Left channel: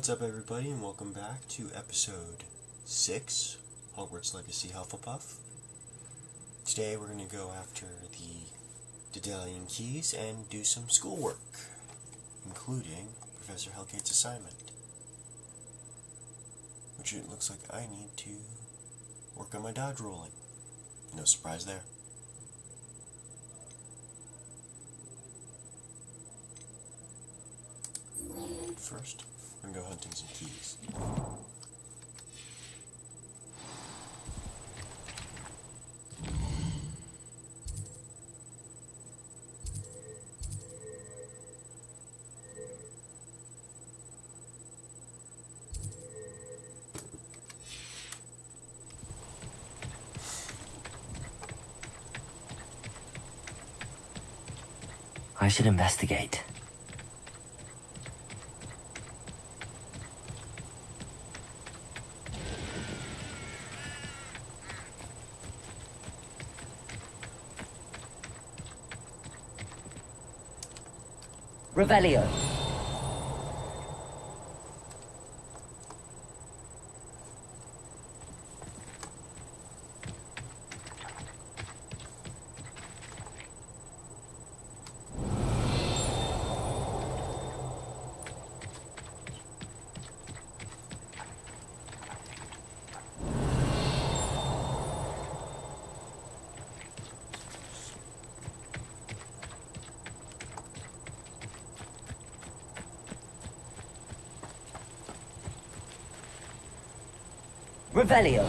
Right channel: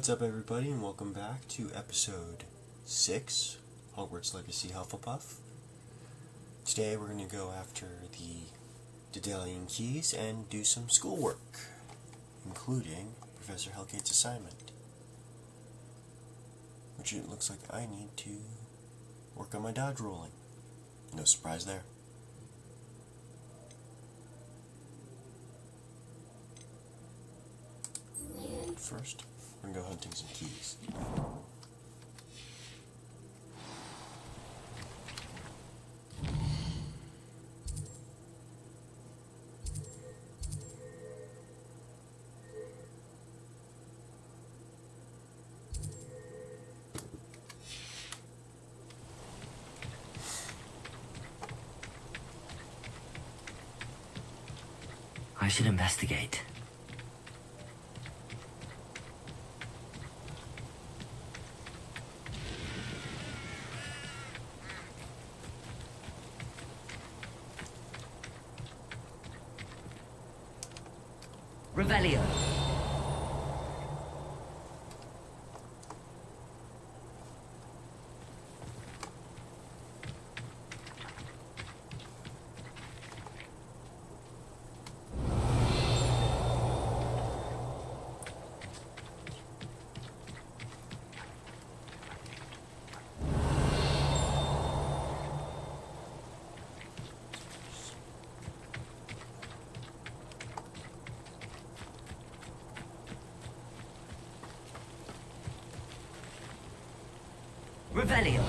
What's up, everybody, and welcome back to episode 6, Hogwarts Legacy Hufflepuff. Today we're going to go after the daedalian keys and do some schoolwork, including Professor Hellgate's assignment, which it looks like I need to work on my dodge rolling. No surprise there. First, we're going to go hunting some keys. I should investigate. Revelio. Revelio.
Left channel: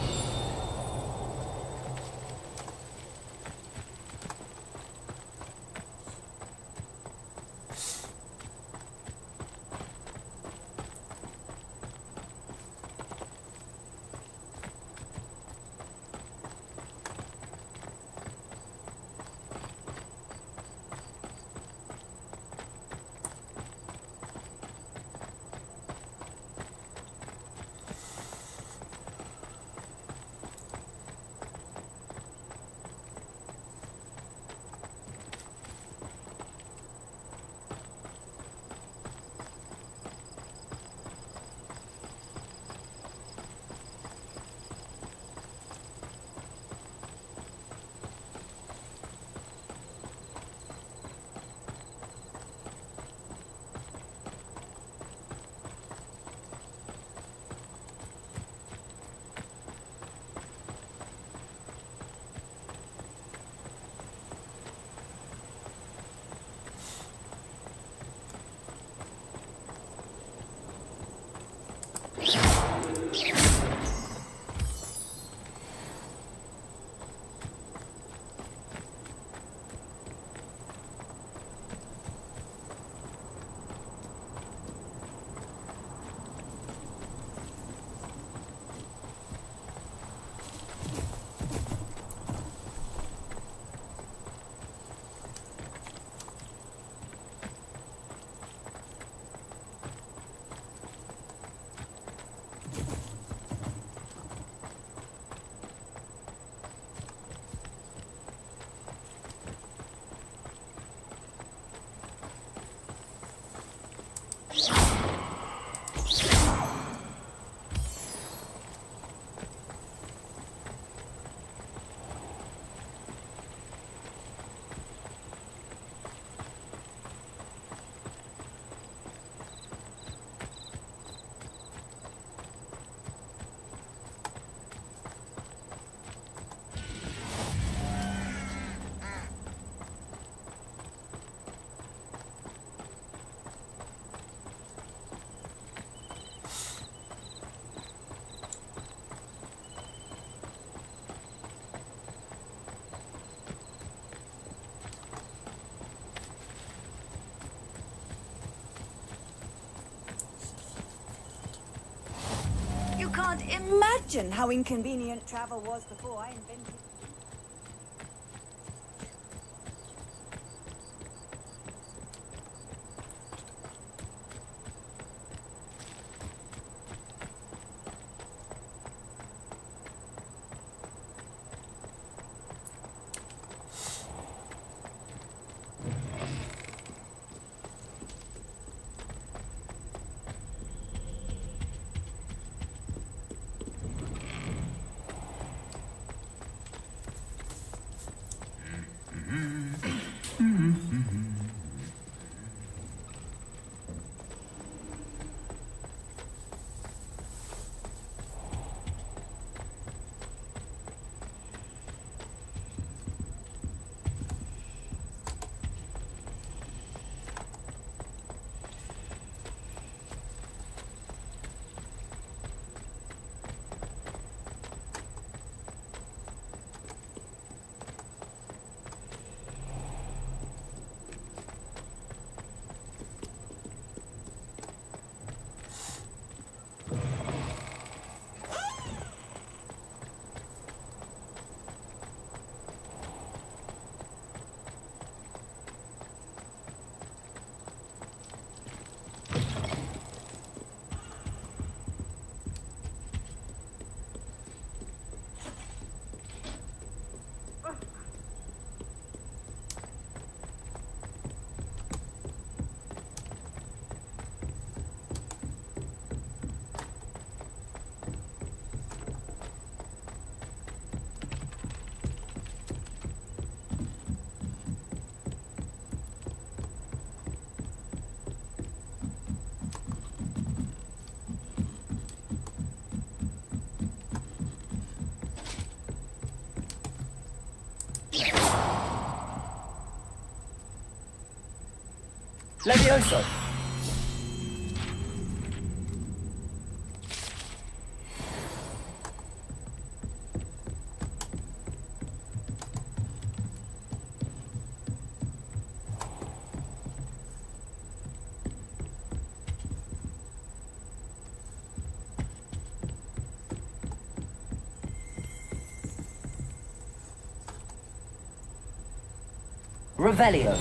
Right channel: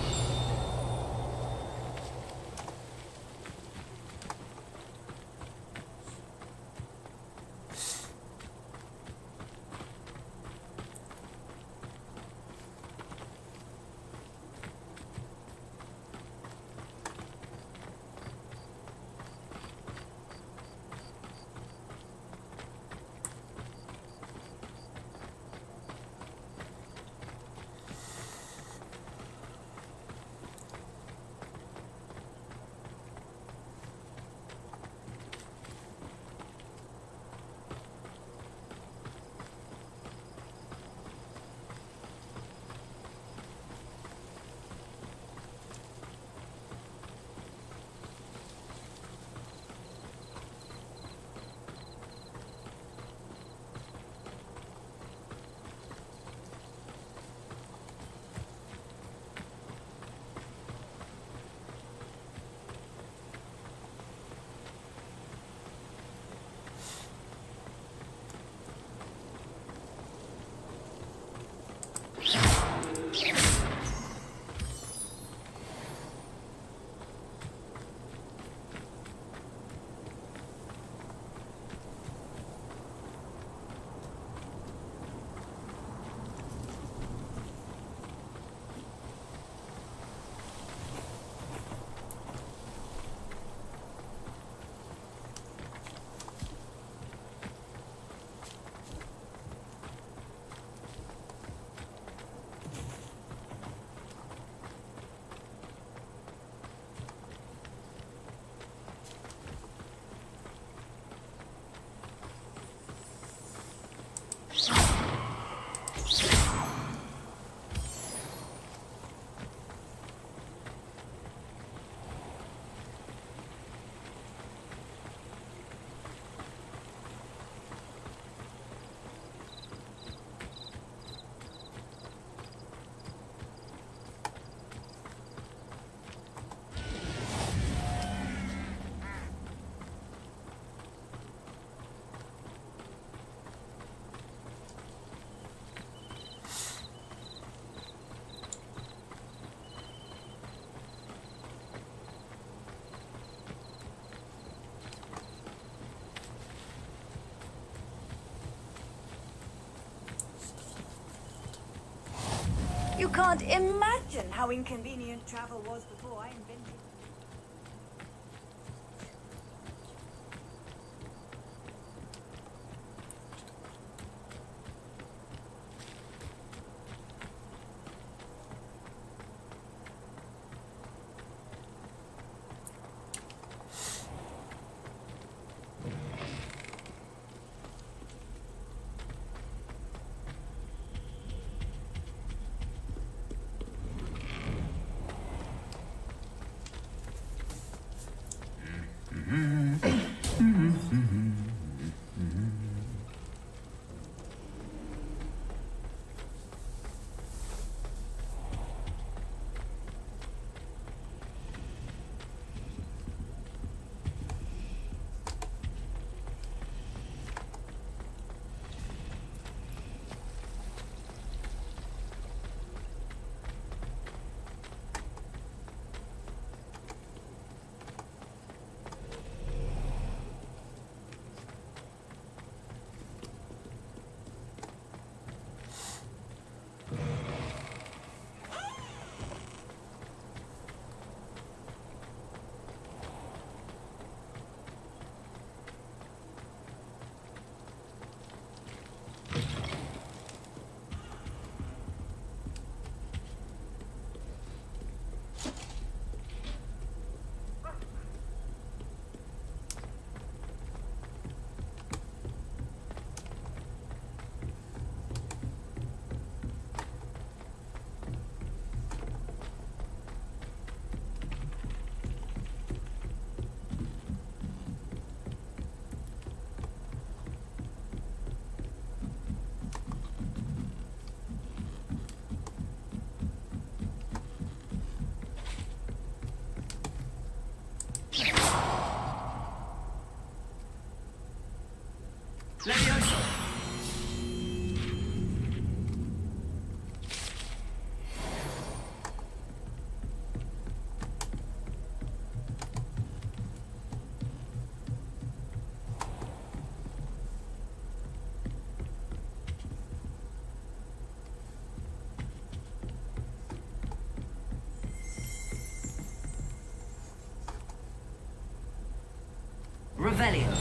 You can't imagine how inconvenient travel was before I invented. Levioso! Revelio.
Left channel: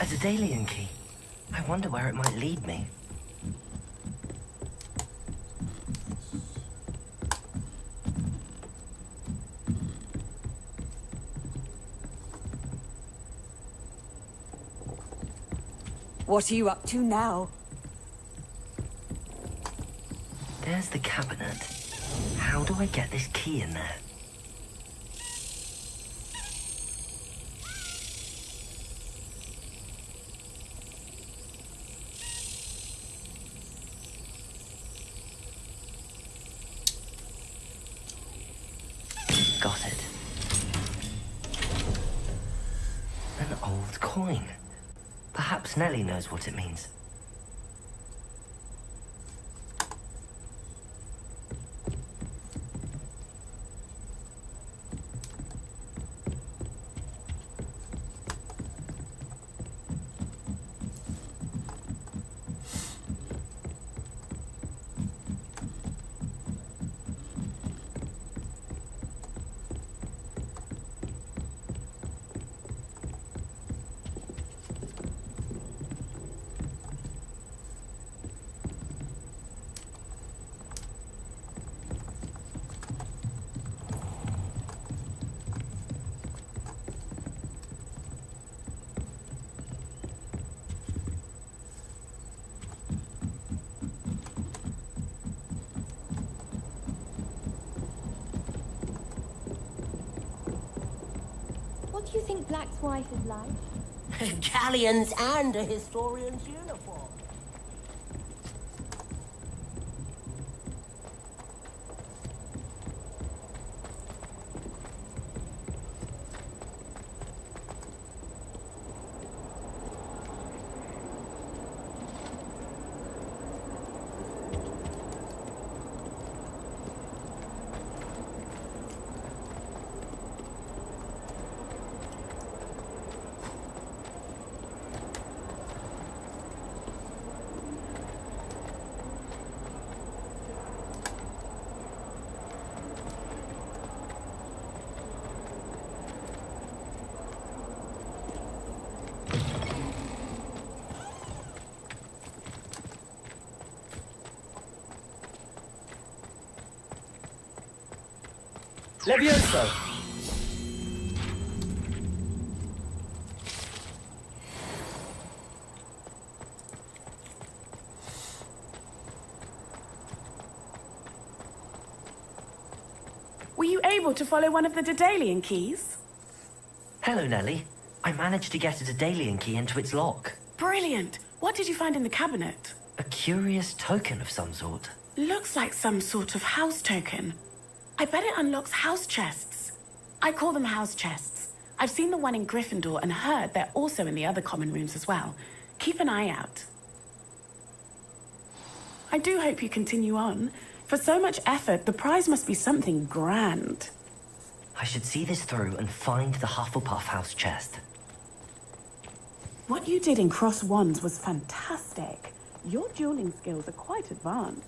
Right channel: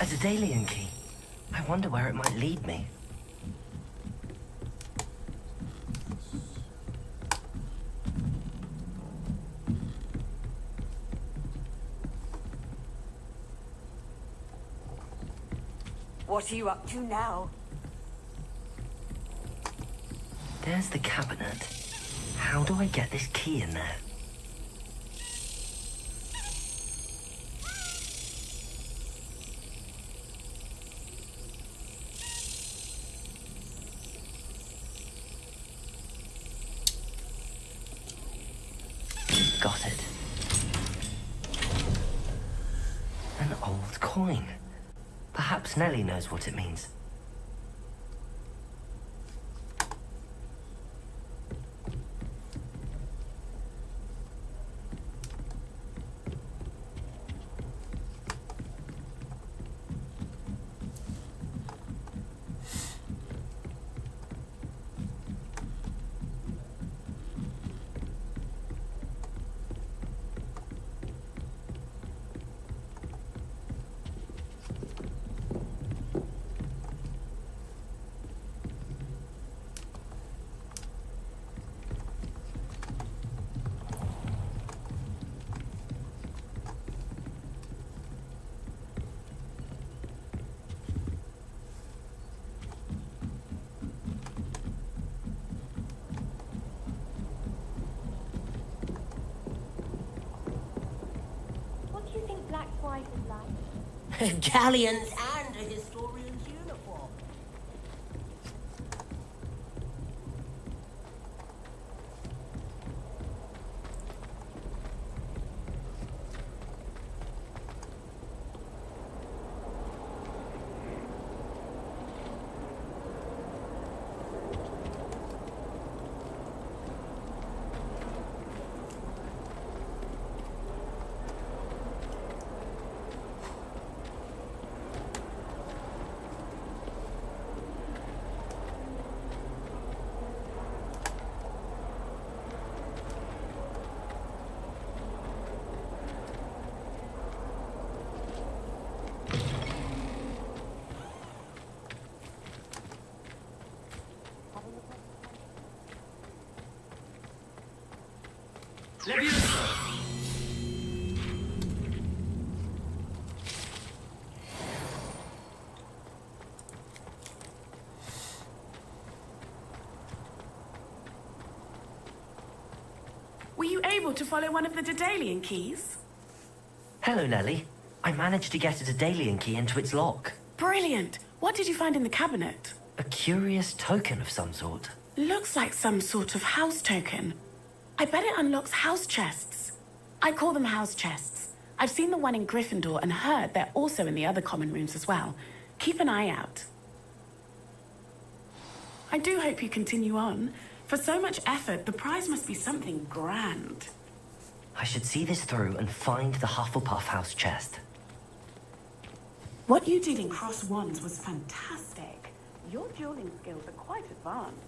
A daedalian key. I wonder where it might lead me. What are you up to now? There's the cabinet. How do I get this key in there? Got it. An old coin. Perhaps Nellie knows what it means. What do you think Black's wife is like? Galleons and a historian's uniform. Levioso! Were you able to follow one of the daedalian keys? Hello, Nellie. I managed to get a daedalian key into its lock. Brilliant! What did you find in the cabinet? A curious token of some sort. Looks like some sort of house token. I bet it unlocks house chests. I call them house chests. I've seen the one in Gryffindor and heard they're also in the other common rooms as well. Keep an eye out. I do hope you continue on. For so much effort, the prize must be something grand. I should see this through and find the Hufflepuff house chest. What you did in Cross Wands was fantastic. Your dueling skills are quite advanced.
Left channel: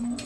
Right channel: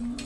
Nice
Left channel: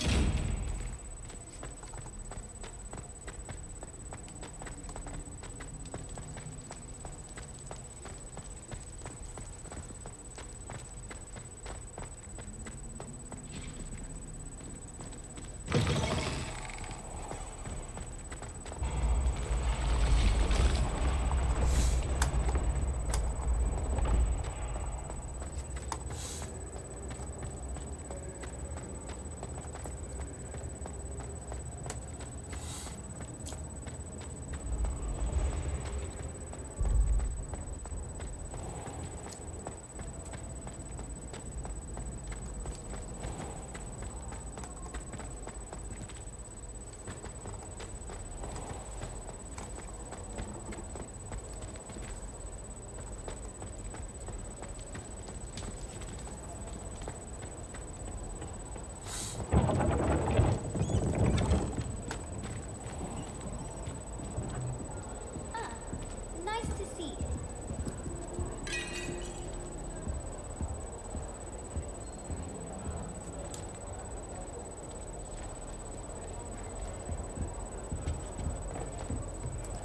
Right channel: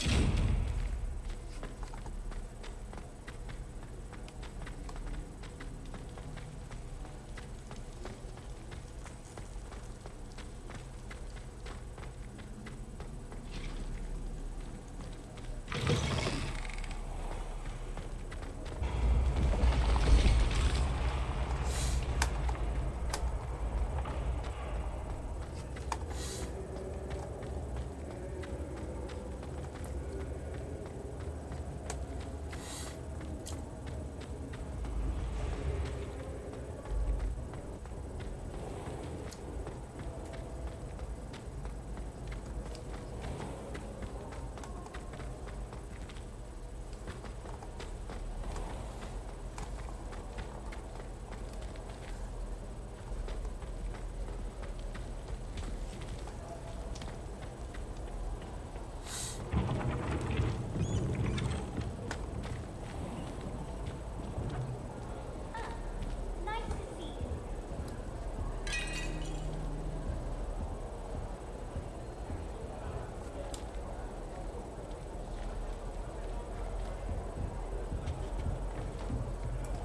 to see you.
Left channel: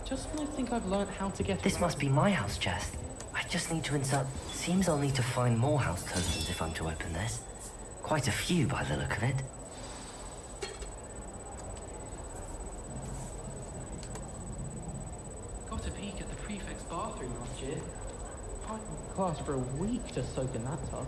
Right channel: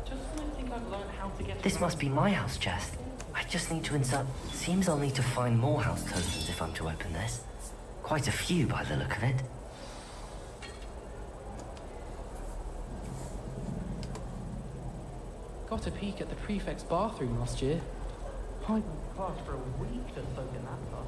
Just when I think I've learned how to get This around must be my house chest. I just need to insert... Seems I'll need to find more house tokens if I'm to open this. Quite a few by the look of it. Got a peek at the prefect's bathroom last year. I walked class for a week to soak in that tub.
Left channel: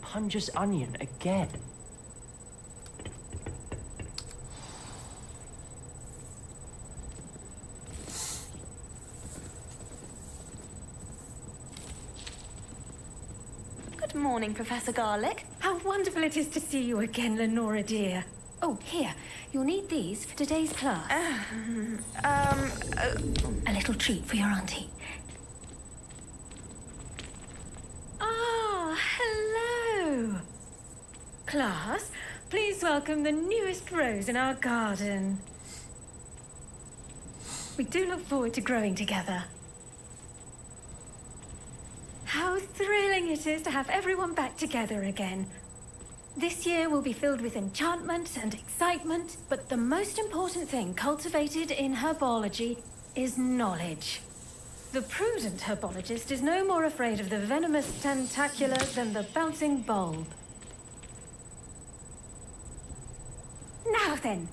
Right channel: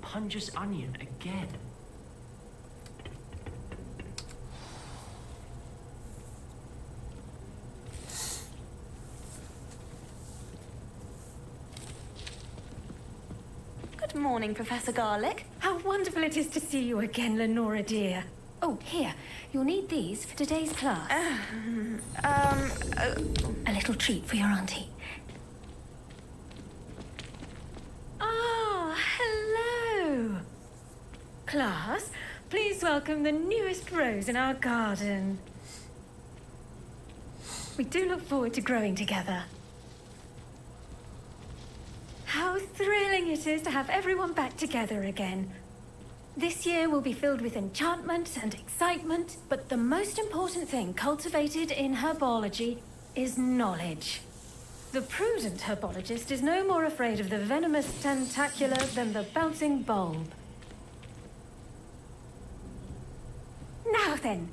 Punja's onion again. Good morning, Professor Garlick. How wonderful it is to see you again, Lenora dear. Oh, here. You'll need these for today's class. A little treat for your auntie. Ah, hello. Class, please welcome the newest rose in our garden. We do look forward to growing together. How thrilling it is to have everyone back together again. This year will be filled with enchantment and excitement, but the most important thing cultivated in herbology is knowledge. The prudent herbologist is no more afraid of the venomous tentacula than the bouncing bulb. Now then,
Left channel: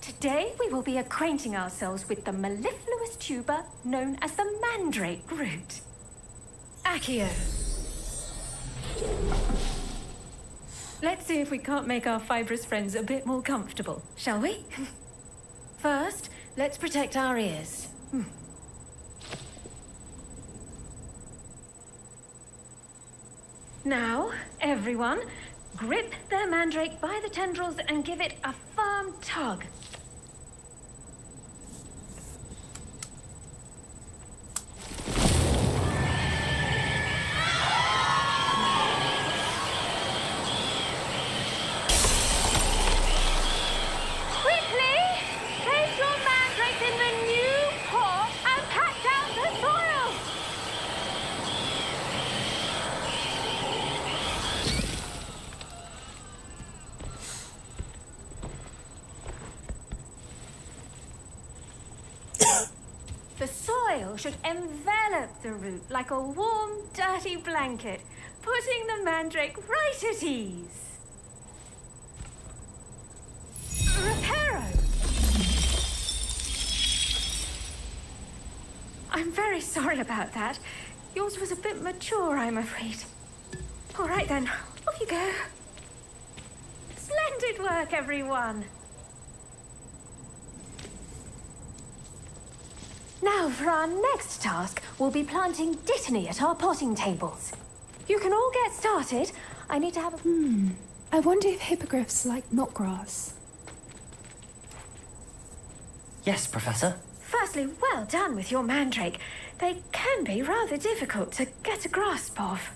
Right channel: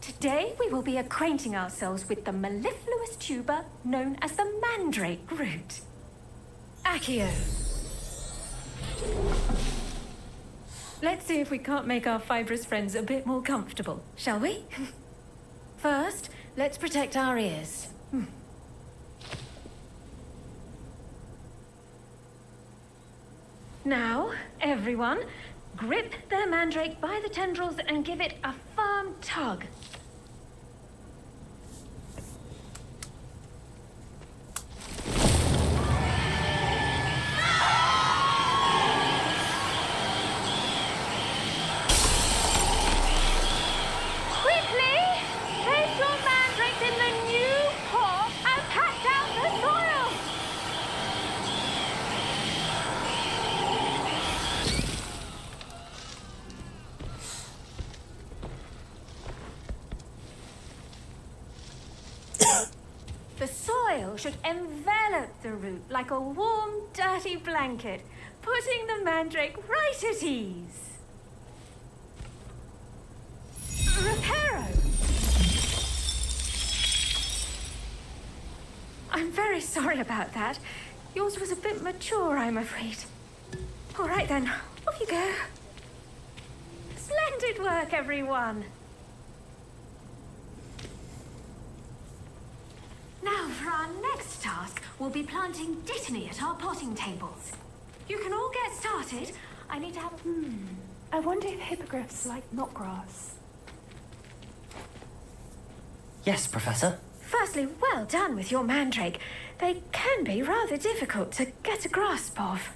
today we will be acquainting ourselves with the mellifluous tuber known as the mandrake root. Accio. Let's see if we can't make our fibrous friends a bit more comfortable, shall we? First, let's protect our ears. Now, everyone, grip their mandrake by the tendrils and give it a firm tug. Place your mandrakes in the new pot and pat down the soil! The soil should envelop the root like a warm, dirty blanket, putting the mandrake right at ease. Reparo! I'm very sorry about that. Yours was a bit mature, I'm afraid. All right then, off you go. Splendid work, everyone. Now, for our next task, we'll be planting dittany at our potting tables. You can all get started. I need to have a... I wonder if hippogriffs like knotgrass. Yes, Professor. Firstly, well done with your mandrake. They can be rather difficult to get a grasp of.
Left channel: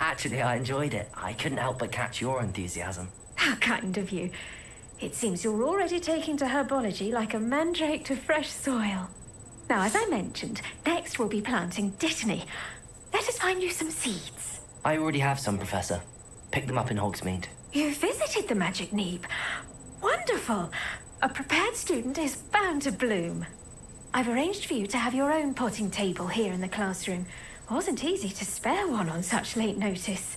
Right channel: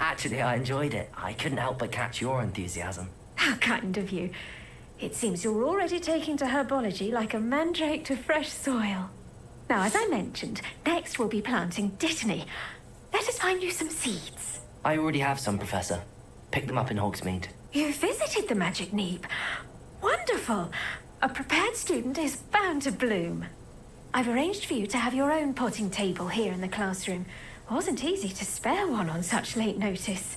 Actually, I enjoyed it. I couldn't help but catch your enthusiasm. How kind of you. It seems you're already taking to herbology like a mandrake to fresh soil. Now, as I mentioned, next we'll be planting dittany. Let us find you some seeds. I already have some, Professor. Picked them up in Hogsmeade. You visited the Magic Neep. Wonderful. A prepared student is bound to bloom. I've arranged for you to have your own potting table here in the classroom. Wasn't easy to spare one on such late notice.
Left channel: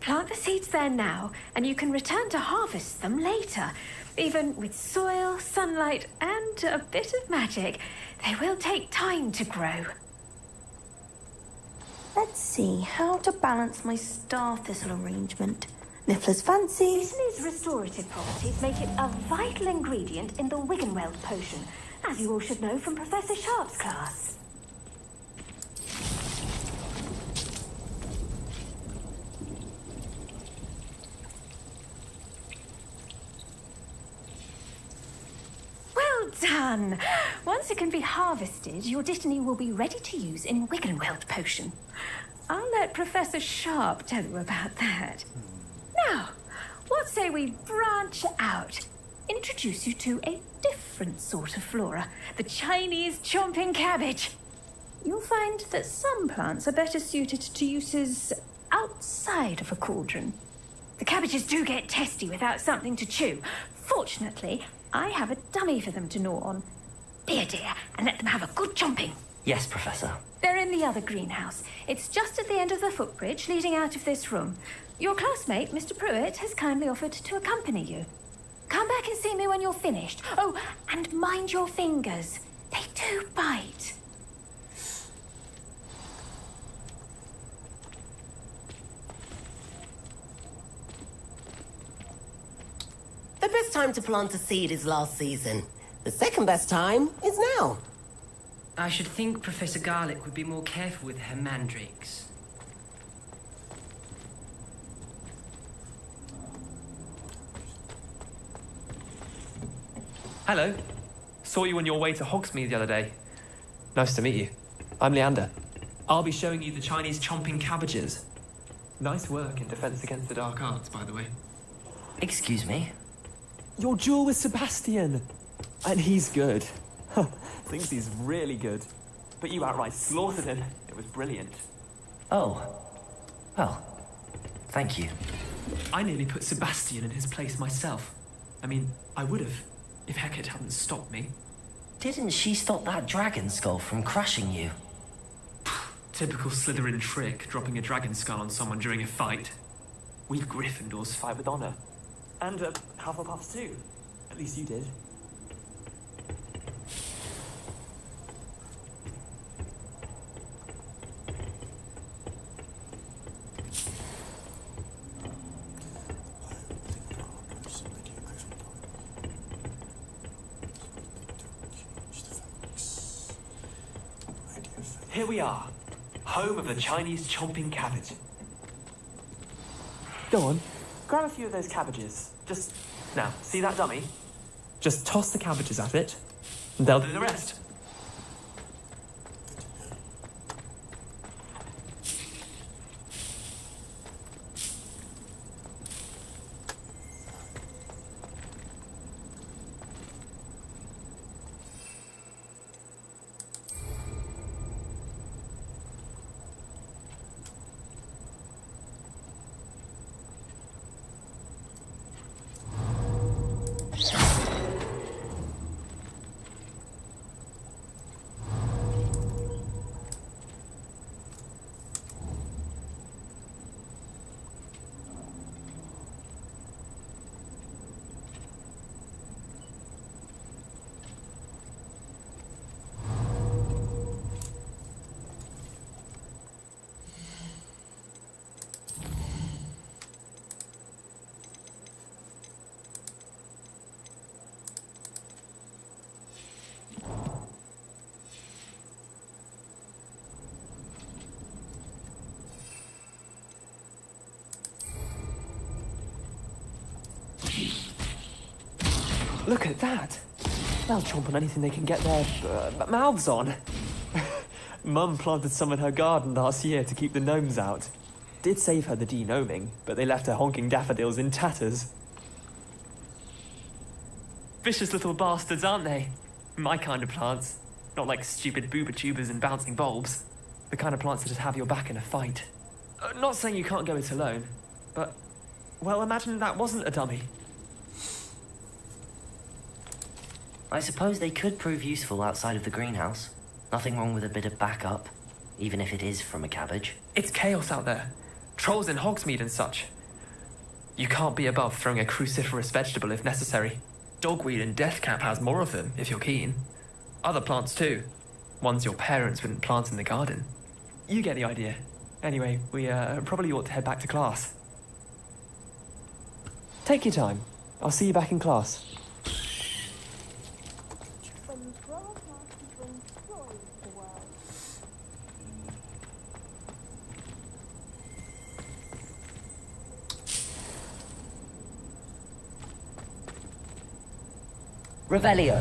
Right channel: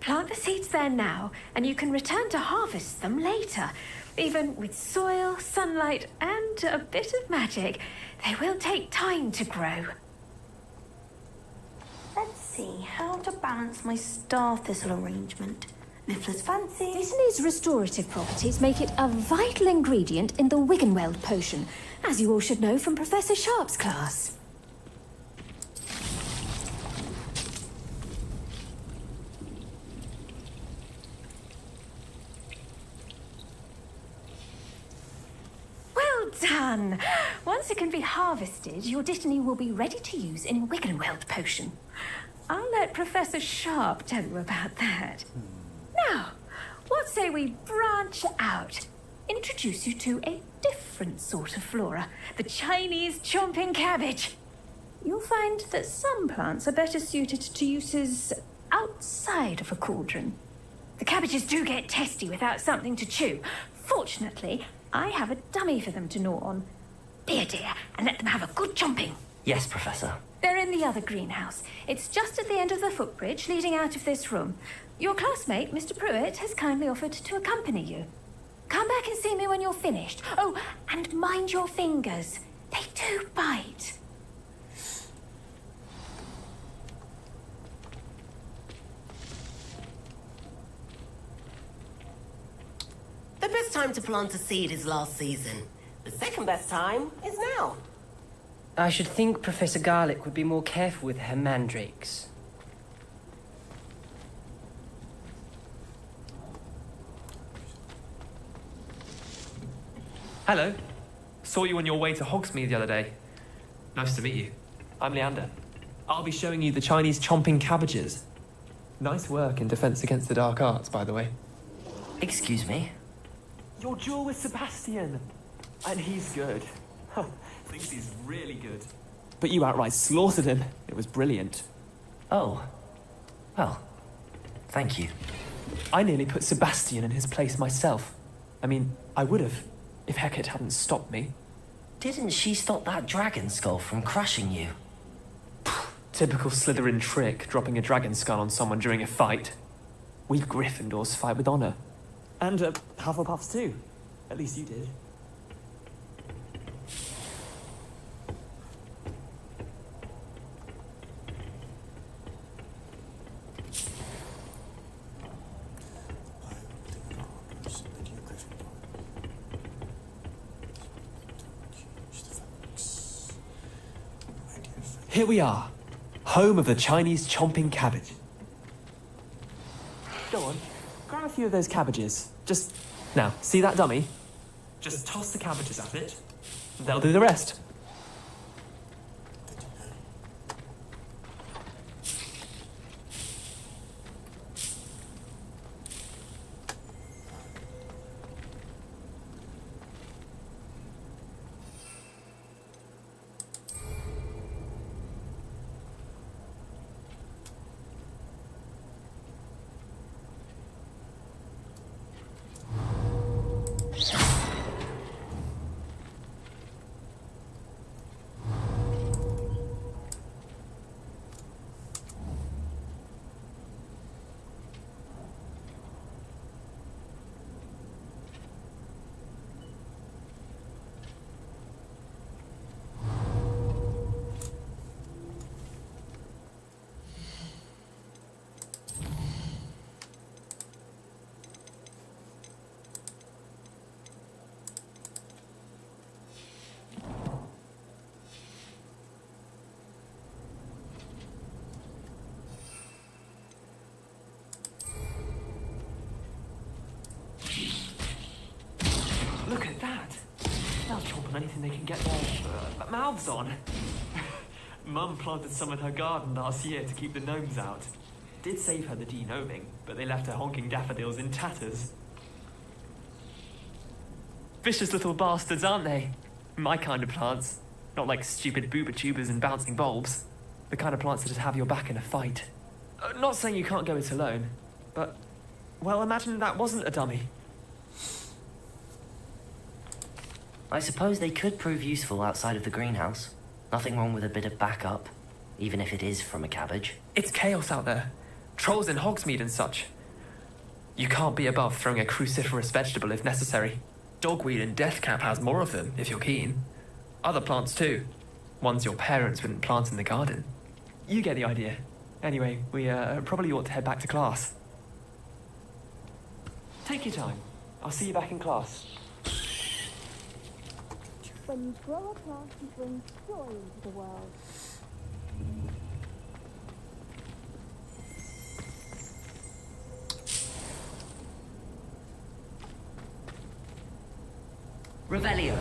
Plant the seeds there now, and you can return to harvest them later. Even with soil, sunlight, and a bit of magic, they will take time to grow. Let's see how to balance my star thistle arrangement. Niffler's fancy. Dittany's restorative properties make it a vital ingredient in the Wiggenweld potion, as you all should know from Professor Sharp's class. Well done! Once it can be harvested, your dittany will be ready to use in Wiggenweld potion. I'll let Professor Sharp tell you about that. Now, what say we branch out? Introduce you to a different sort of flora, the Chinese chomping cabbage. You'll find that some plants are better suited to uses outside of a cauldron. The cabbages do get testy without something to chew. Fortunately, I have a dummy for them to gnaw on. Be a dear and let them have a good chomping. Yes, Professor. They're in the other greenhouse. It's just at the end of the footbridge leading out of this room. Your classmate, Mr. Pruitt, has kindly offered to accompany you. Come back and see me when you're finished. Oh, and mind your fingers. They do bite. The best time to plant a seed is last season. The second best time is now. I should think Professor Garlick would be more careful with her mandrakes. Hello. Saw you on your way to Hogsmeade the other day. Nice to meet you. I'm Leander. I'll be showing you the Chinese chomping cabbages. Nice work in Defense Against the Dark Arts, by the way. Excuse me? Your duel with Sebastian. And he's good. Thinks he's really good. But you outright slaughtered him. It was brilliant. Oh. Well, thank you. I nearly put Sebastian in his place myself. I mean, I would have, if Hecate hadn't stopped me. Didn't she stop that dragon skull from crushing you? Typical Slytherin trick, dropping a dragon skull on someone during a fight. We Gryffindors fight with honor. And Hufflepuffs too. At least you did. Here we are, home of the Chinese chomping cabbage. Go on, grab a few of those cabbages. Now, see that dummy? Just toss the cabbages at it, and they'll do the rest. Look at that! They'll chomp on anything they can get their mouths on. Mum planted some in her garden last year to keep the gnomes out. Did save her the denoming, but they left her honking daffodils in tatters. Vicious little bastards, aren't they? My kind of plants. Not like stupid booba tubers and bouncing bulbs. The kind of plants that'd have your back in a fight. Not saying you can't go it alone, but... well, imagine that wasn't a dummy. I suppose they could prove useful outside of the greenhouse. Nothing wrong with a bit of backup, even if it is from a cabbage. It's chaos out there. Trolls in Hogsmeade and such. You can't be above throwing a cruciferous vegetable if necessary. Dogweed and deathcap has more of them, if you're keen. Other plants too. Ones your parents wouldn't plant in the garden. You get the idea. Anyway, we probably ought to head back to class. Take your time. I'll see you back in class. Revelio.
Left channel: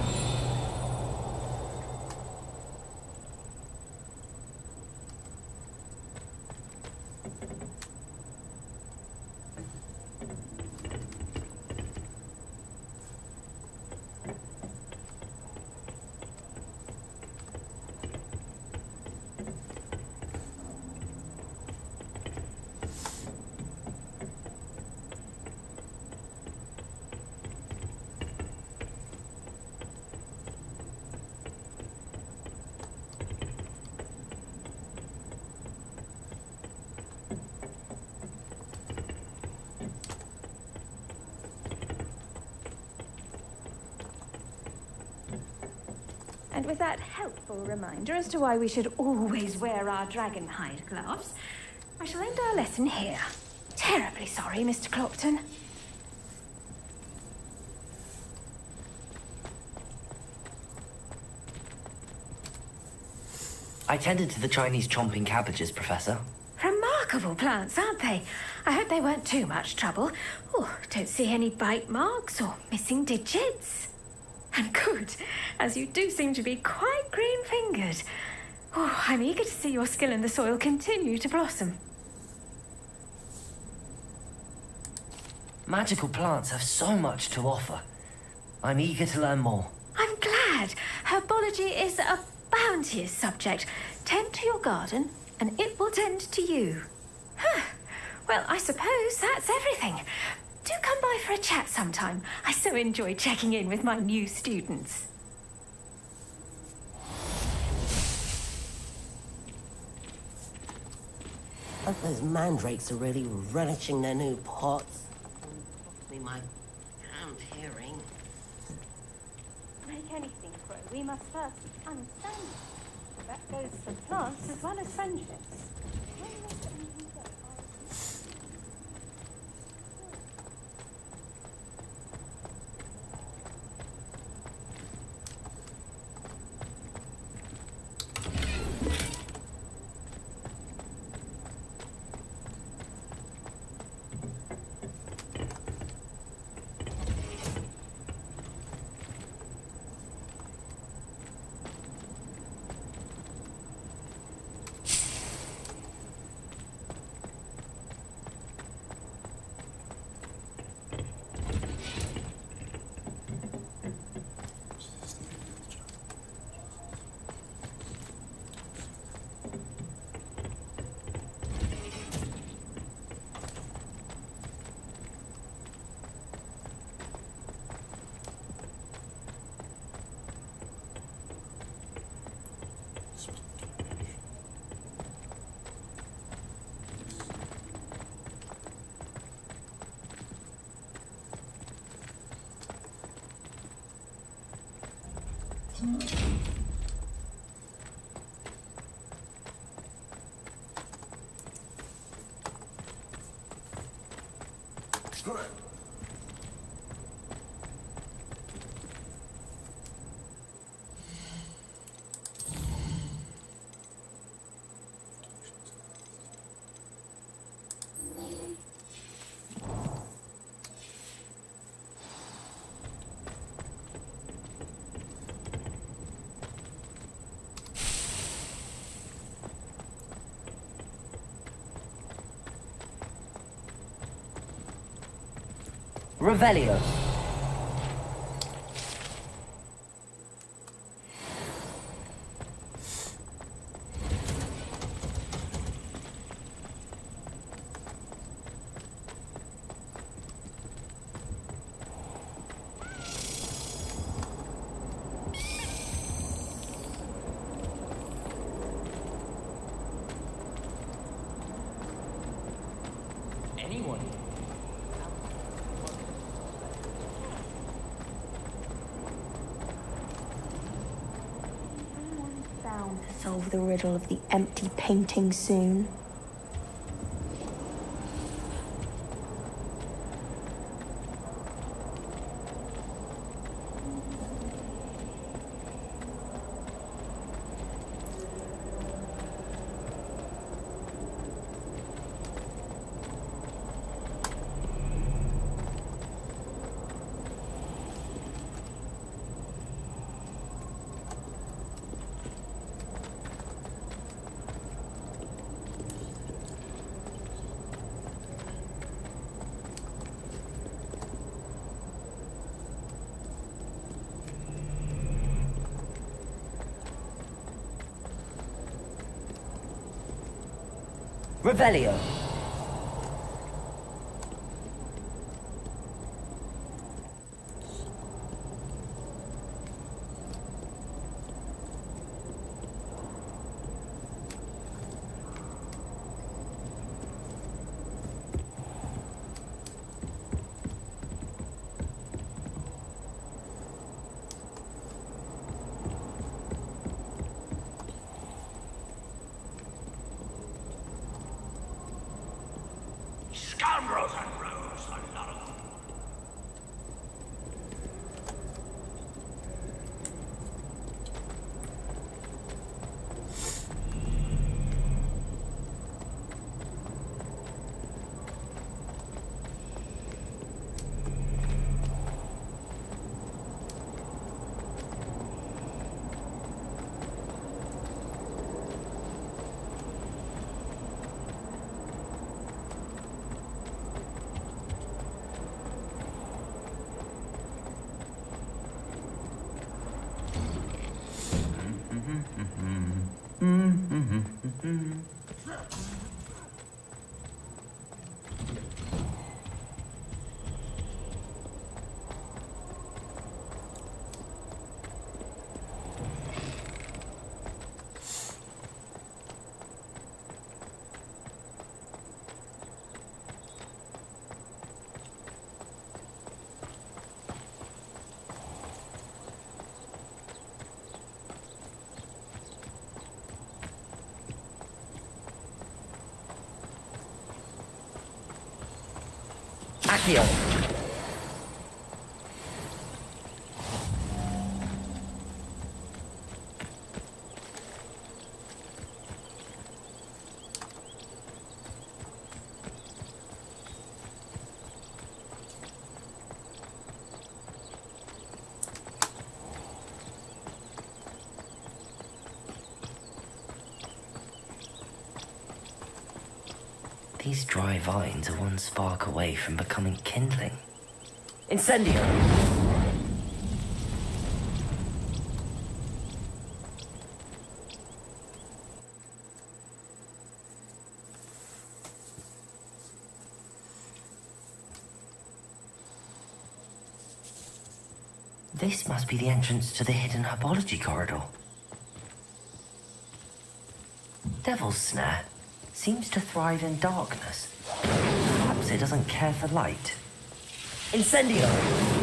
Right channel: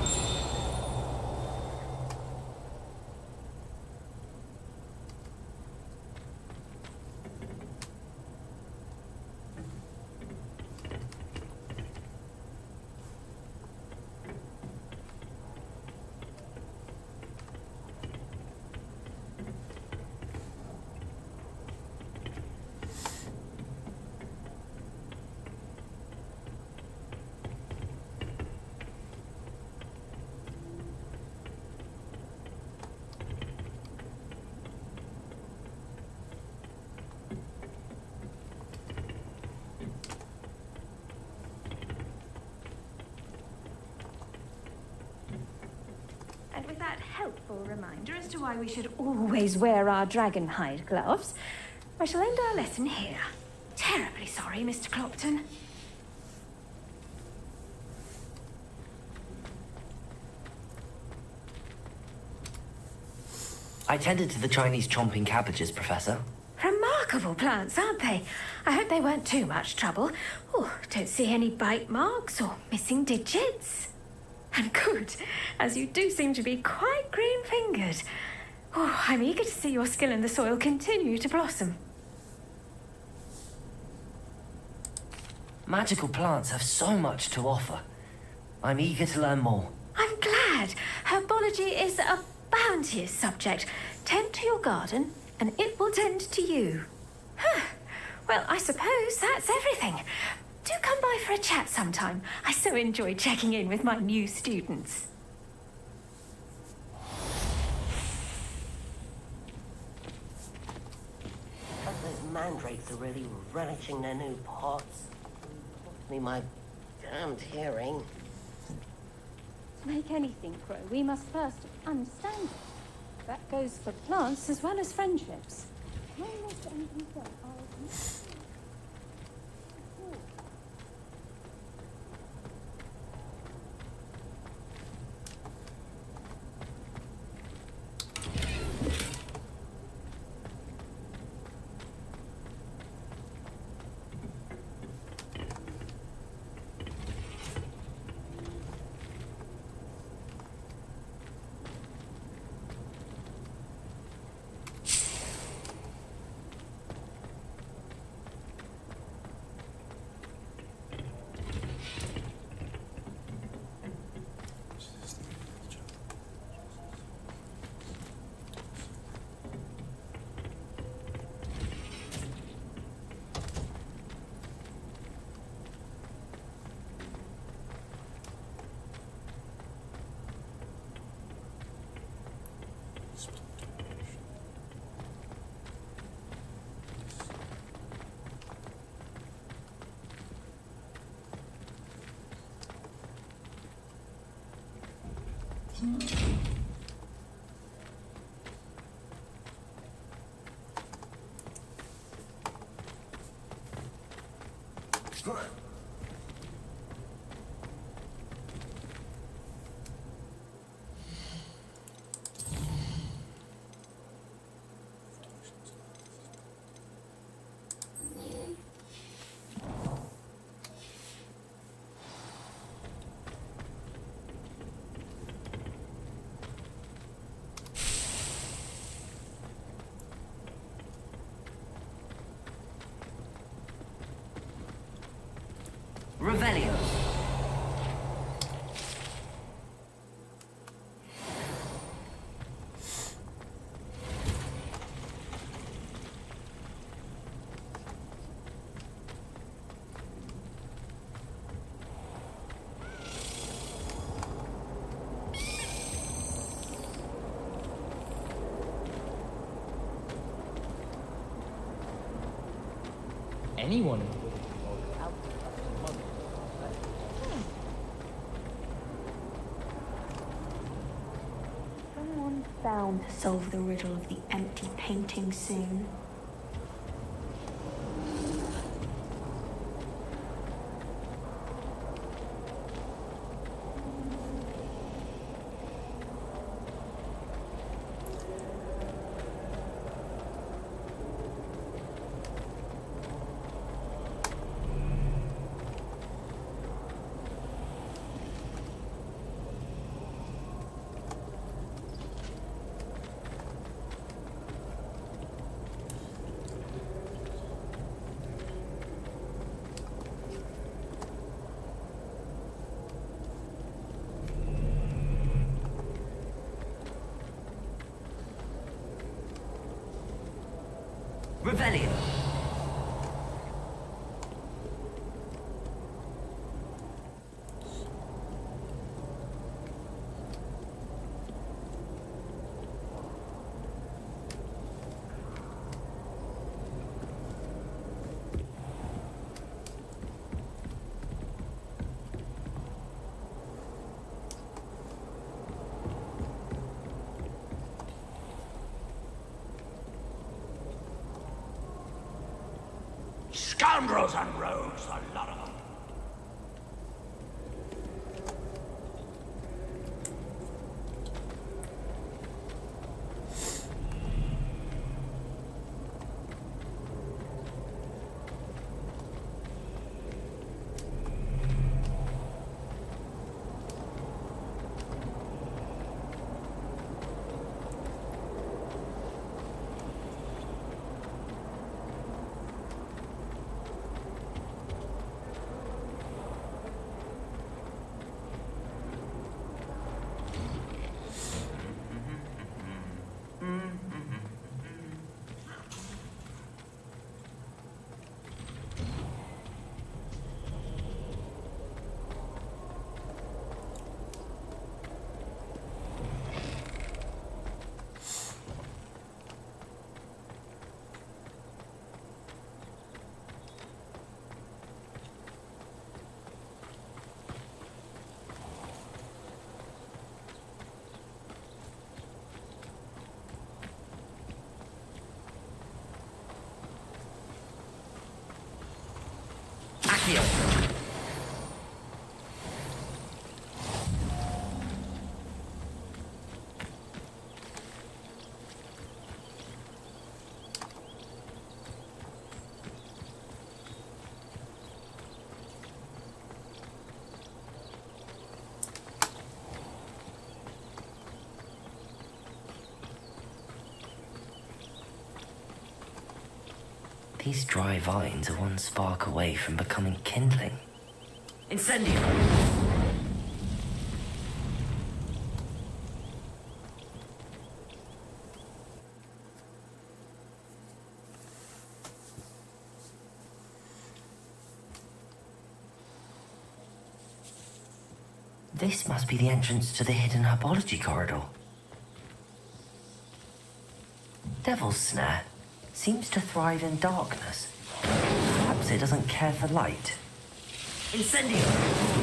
With that helpful reminder as to why we should always wear our dragon hide gloves, I shall end our lesson here. Terribly sorry, Mr. Clopton. I tended to the Chinese chomping cabbages, Professor. Remarkable plants, aren't they? I hope they weren't too much trouble. Oh, don't see any bite marks or missing digits. And good, as you do seem to be quite green-fingered. Oh, I'm eager to see your skill in the soil continue to blossom. Magical plants have so much to offer. I'm eager to learn more. I'm glad. Herbology is a bounteous subject. Tend to your garden, and it will tend to you. Huh. Well, I suppose that's everything. Do come by for a chat sometime. I so enjoy checking in with my new students. I hope those mandrakes are really relishing their new pots. Only cost me my damned hearing. To make anything grow, we must first understand it. That goes for plants as well as friendships. Revelio. Anyone? Someone's bound to solve the riddle of the empty painting soon. Revelio. Scoundrels and rogues, a lot of them. Accio! These dry vines are one spark away from becoming kindling. Incendio! This must be the entrance to the hidden herbology corridor. Devil's Snare seems to thrive in darkness. Perhaps it doesn't care for light. Incendio!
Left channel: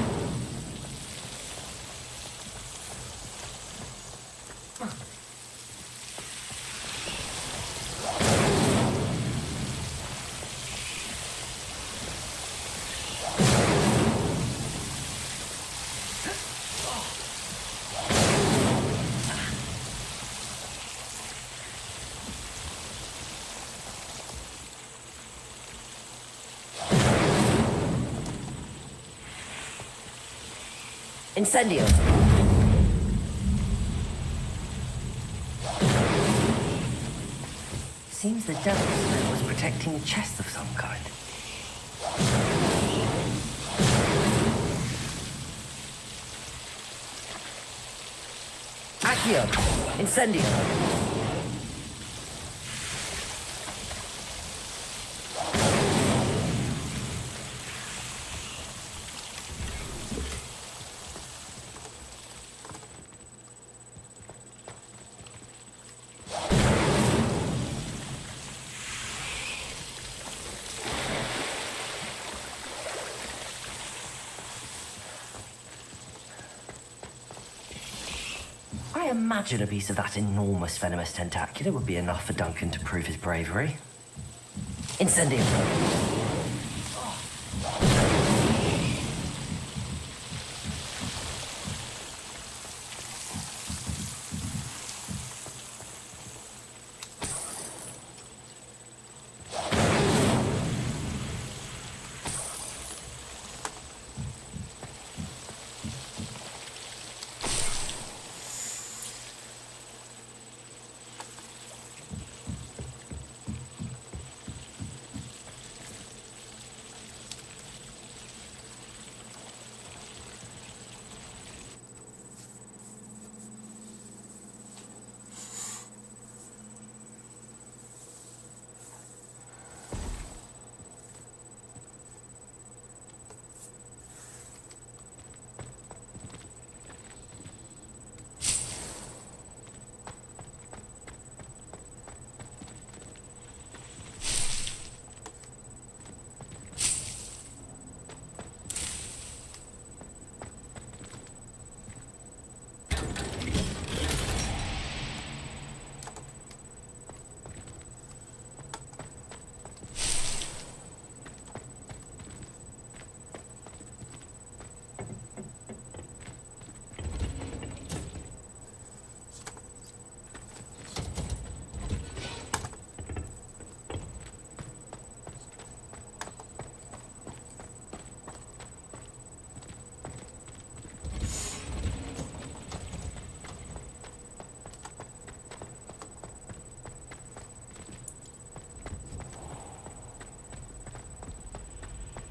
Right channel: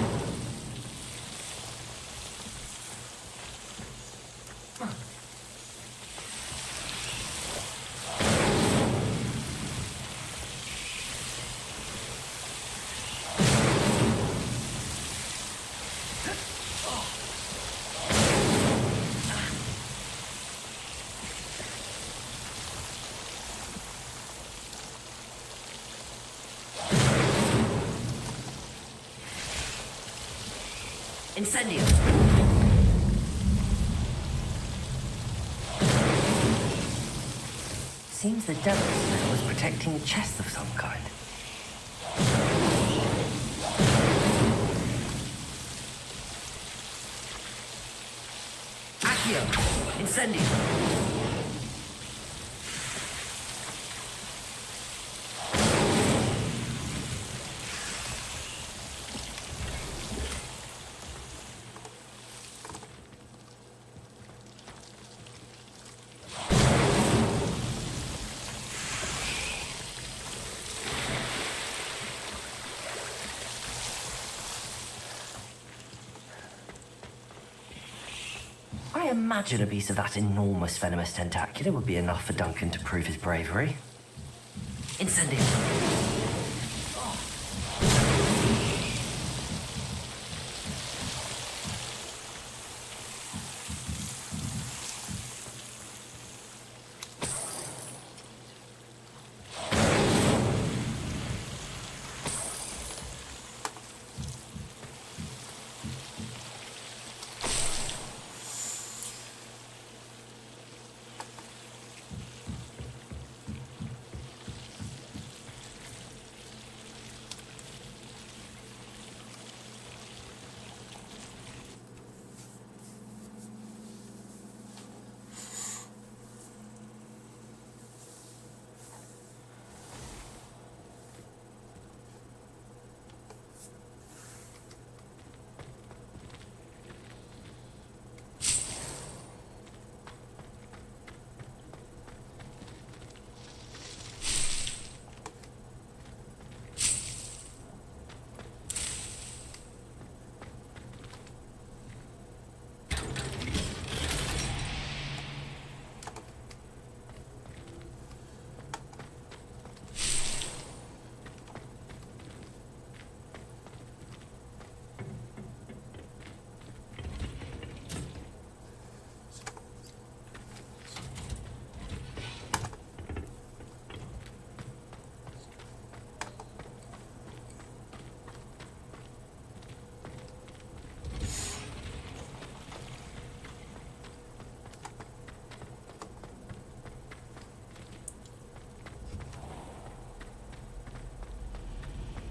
Incendio! Seems the Devil's Snare was protecting a chest of some kind. Accio! Incendio! I imagine a piece of that enormous venomous tentacular would be enough for Duncan to prove his bravery. Incendio!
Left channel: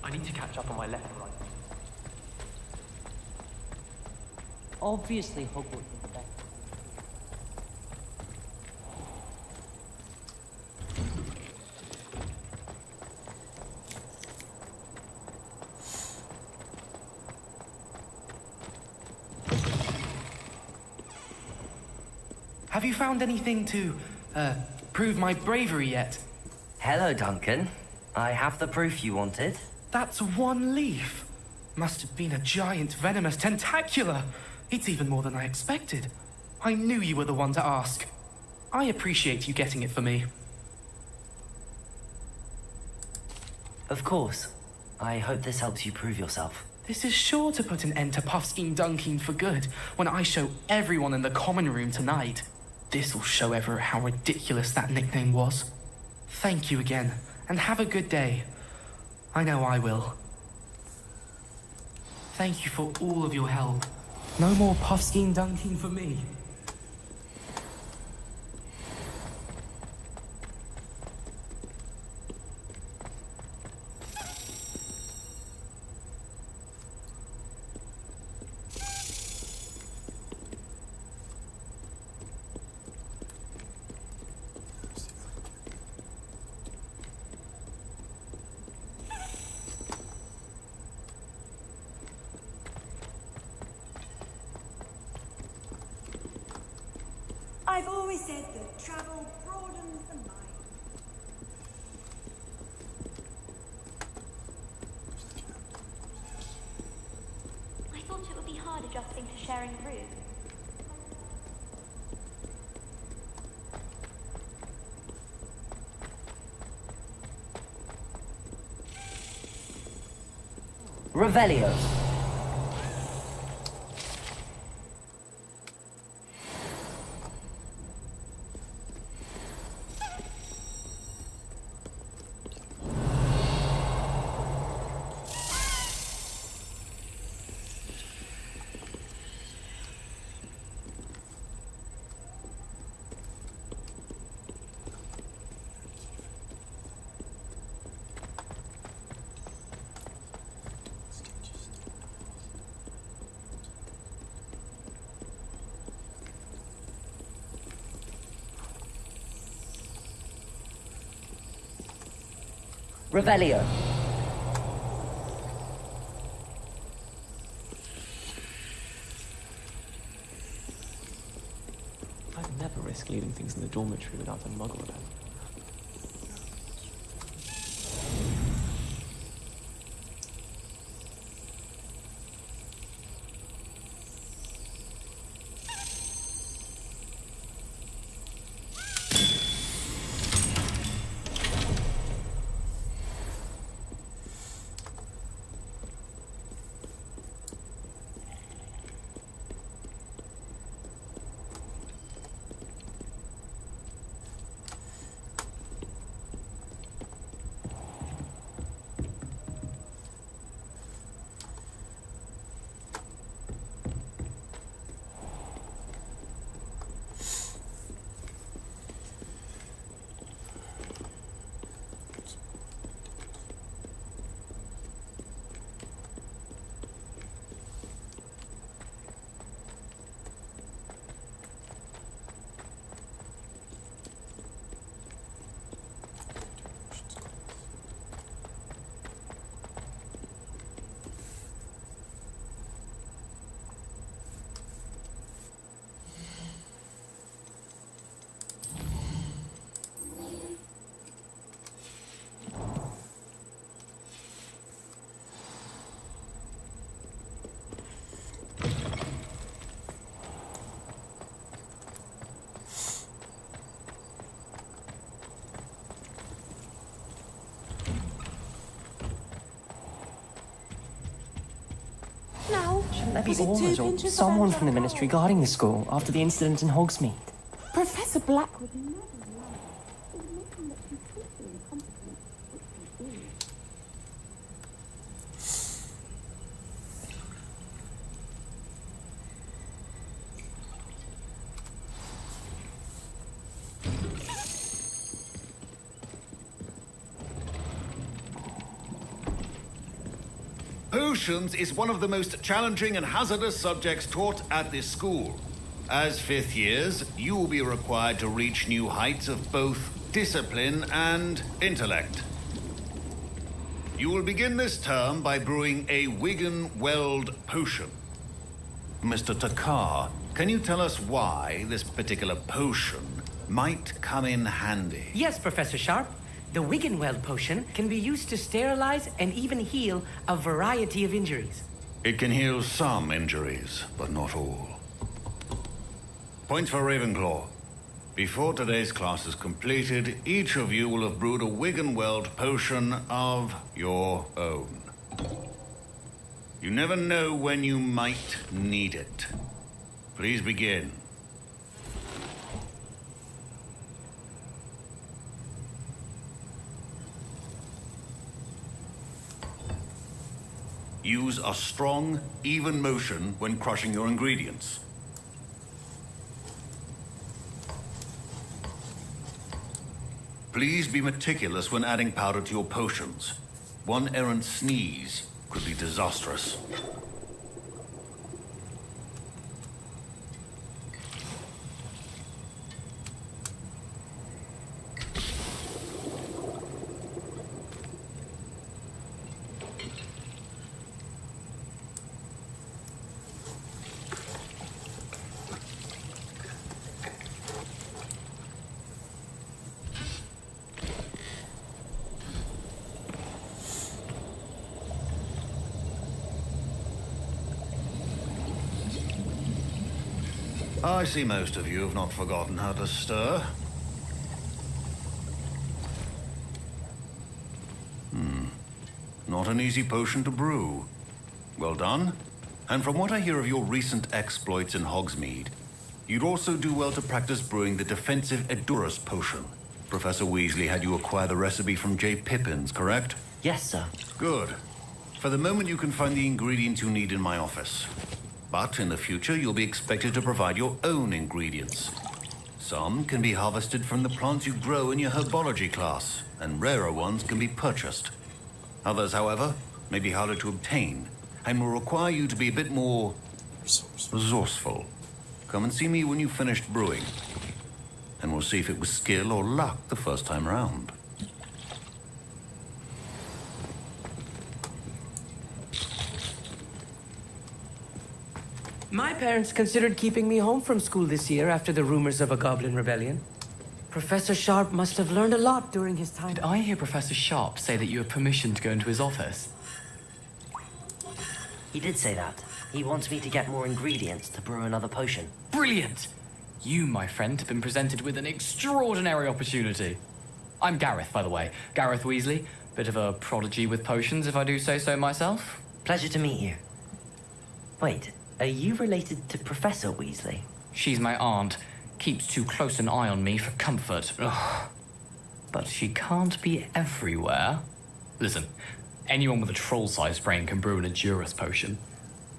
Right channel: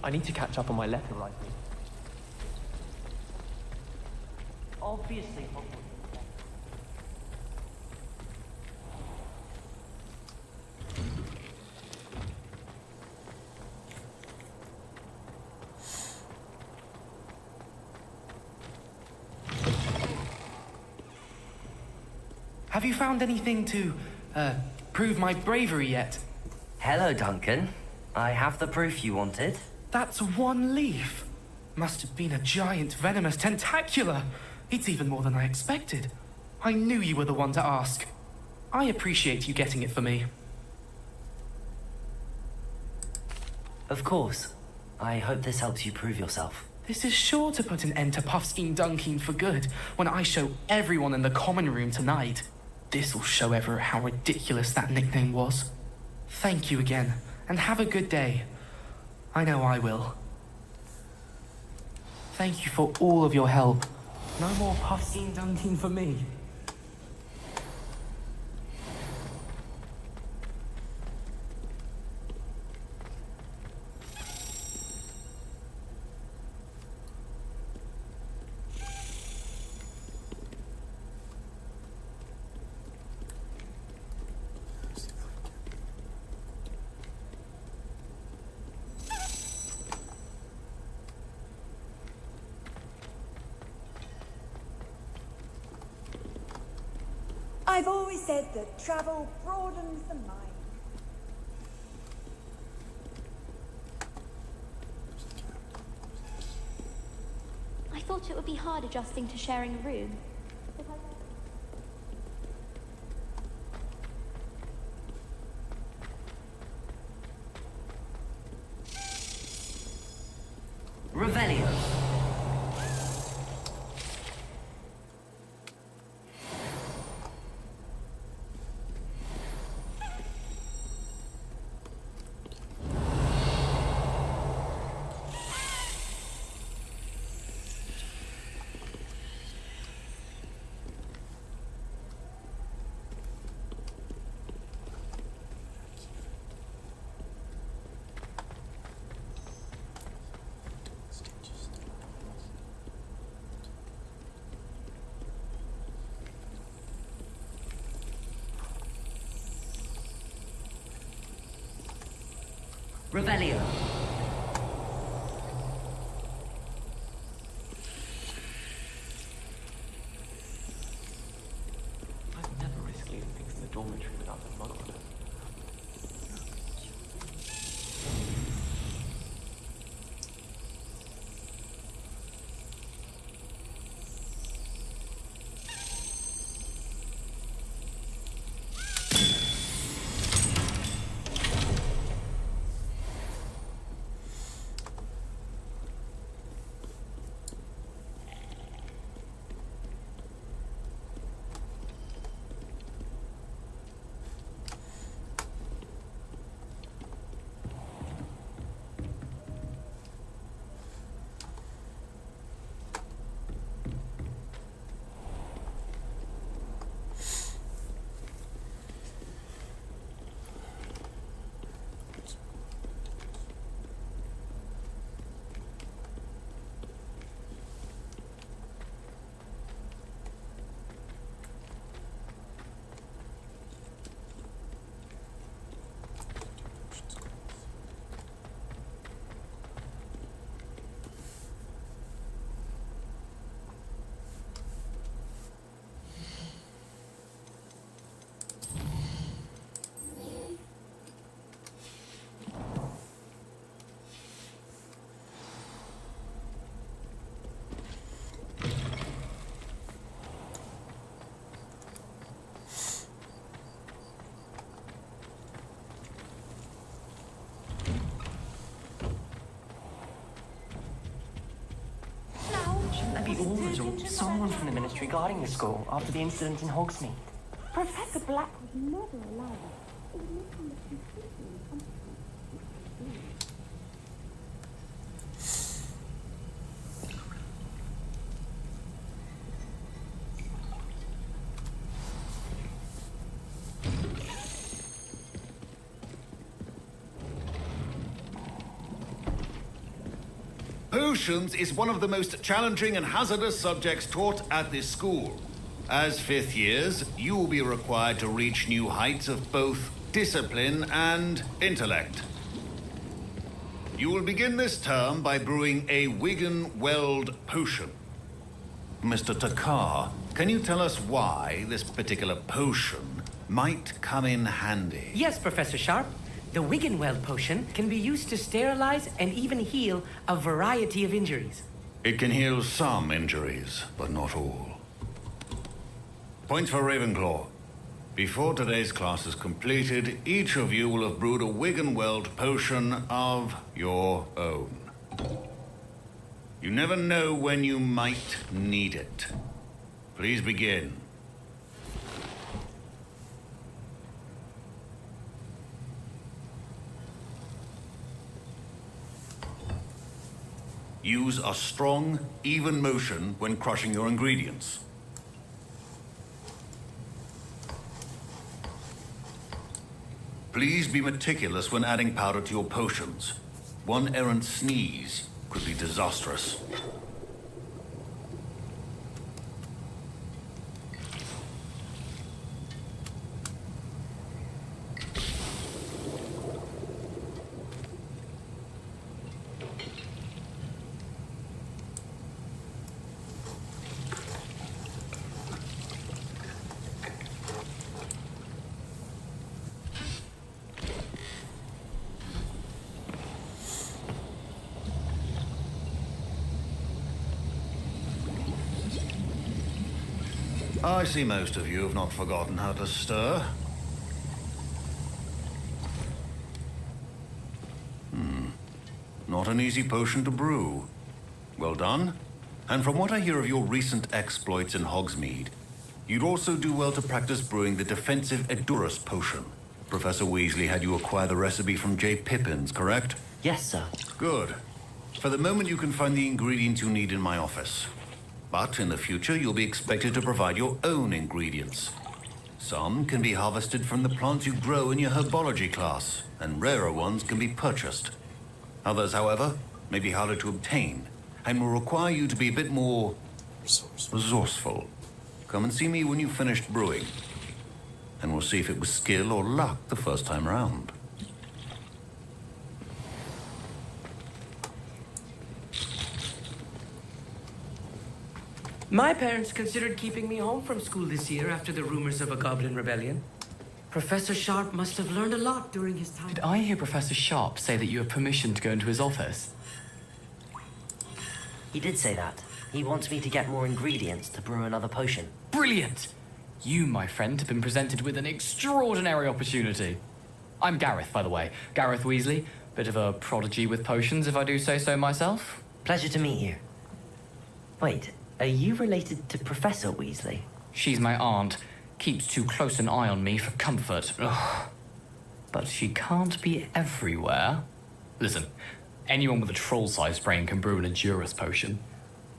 I need to catch up on my letter writing. Obviously, Have you found anything to, prove my bravery yet? Hello, Duncan. I have the proof you wanted. That's one leaf. Must have been a giant venomous tentacula. It's even more than I expected. I knew you were the one to ask. I appreciate you getting it for me. Of course. I hope this helps you prove yourself. This is sure to put an end to Puffskein Dunkeen for good when I show everyone in the common room tonight. This'll show Everett how ridiculous that nickname was. Thank you again, and have a good day. I know I will. Thank you for all of your help. No more Puffskein Dunkeen for me. I've always said that travel broadens the mind. I thought it would be hard adjusting to sharing a room. Revelio. Revelio. I'd never risk leaving things in the dormitory without them mugging. Shouldn't there be auras or someone from the ministry guarding the school after the incident in Hogsmeade? Professor Black would never allow this. It would make him look completely incompetent, which he is. Potions is one of the most challenging and hazardous subjects taught at this school. As fifth years, you will be required to reach new heights of both discipline and intellect. You will begin this term by brewing a Wigan-Weld potion. Mr. Takar, can you tell us why this particular potion might come in handy? Yes, Professor Sharp. The Wiggenweld potion can be used to sterilize and even heal a variety of injuries. It can heal some injuries, but not all. Points for Ravenclaw. Before today's class is completed, each of you will have brewed a Wiggenweld potion of your own. You never know when you might need it. Please begin. Use a strong, even motion when crushing your ingredients. Please be meticulous when adding powder to your potions. One errant sneeze could be disastrous. I see most of you have not forgotten how to stir. Not an easy potion to brew. Well done. And from what I hear of your recent exploits in Hogsmeade, you'd also do well to practice brewing the defensive Edurus potion. Professor Weasley had you acquire the recipe from J. Pippin's, correct? Yes, sir. Good. For the moment, you can find the ingredients you need in my office. But in the future, you'll be expected to provide your own ingredients. Some can be harvested from the plants you grow in your herbology class, and rarer ones can be purchased. Others, however, may be harder to obtain, and will require you to be a bit more resourceful. Come and see me when you've finished brewing, and we'll see if it was skill or luck the first time round. My parents considered keeping me home from school this year after the rumors of a goblin rebellion. Professor Sharp must have learned a lot during his time. Did I hear Professor Sharp say that you have permission to go into his office? He did say that. He wants me to get more ingredients to brew another potion. Brilliant! You, my friend, have been presented with an extraordinary opportunity. I'm Gareth, by the way. Gareth Weasley. Bit of a prodigy with potions, if I do say so myself. Pleasure to meet you. Wait, are you related to Professor Weasley? She's my aunt. Keeps too close an eye on me for comfort. Ugh. But she can't be everywhere. Listen, anyone with a troll-sized brain can brew an Edurus potion.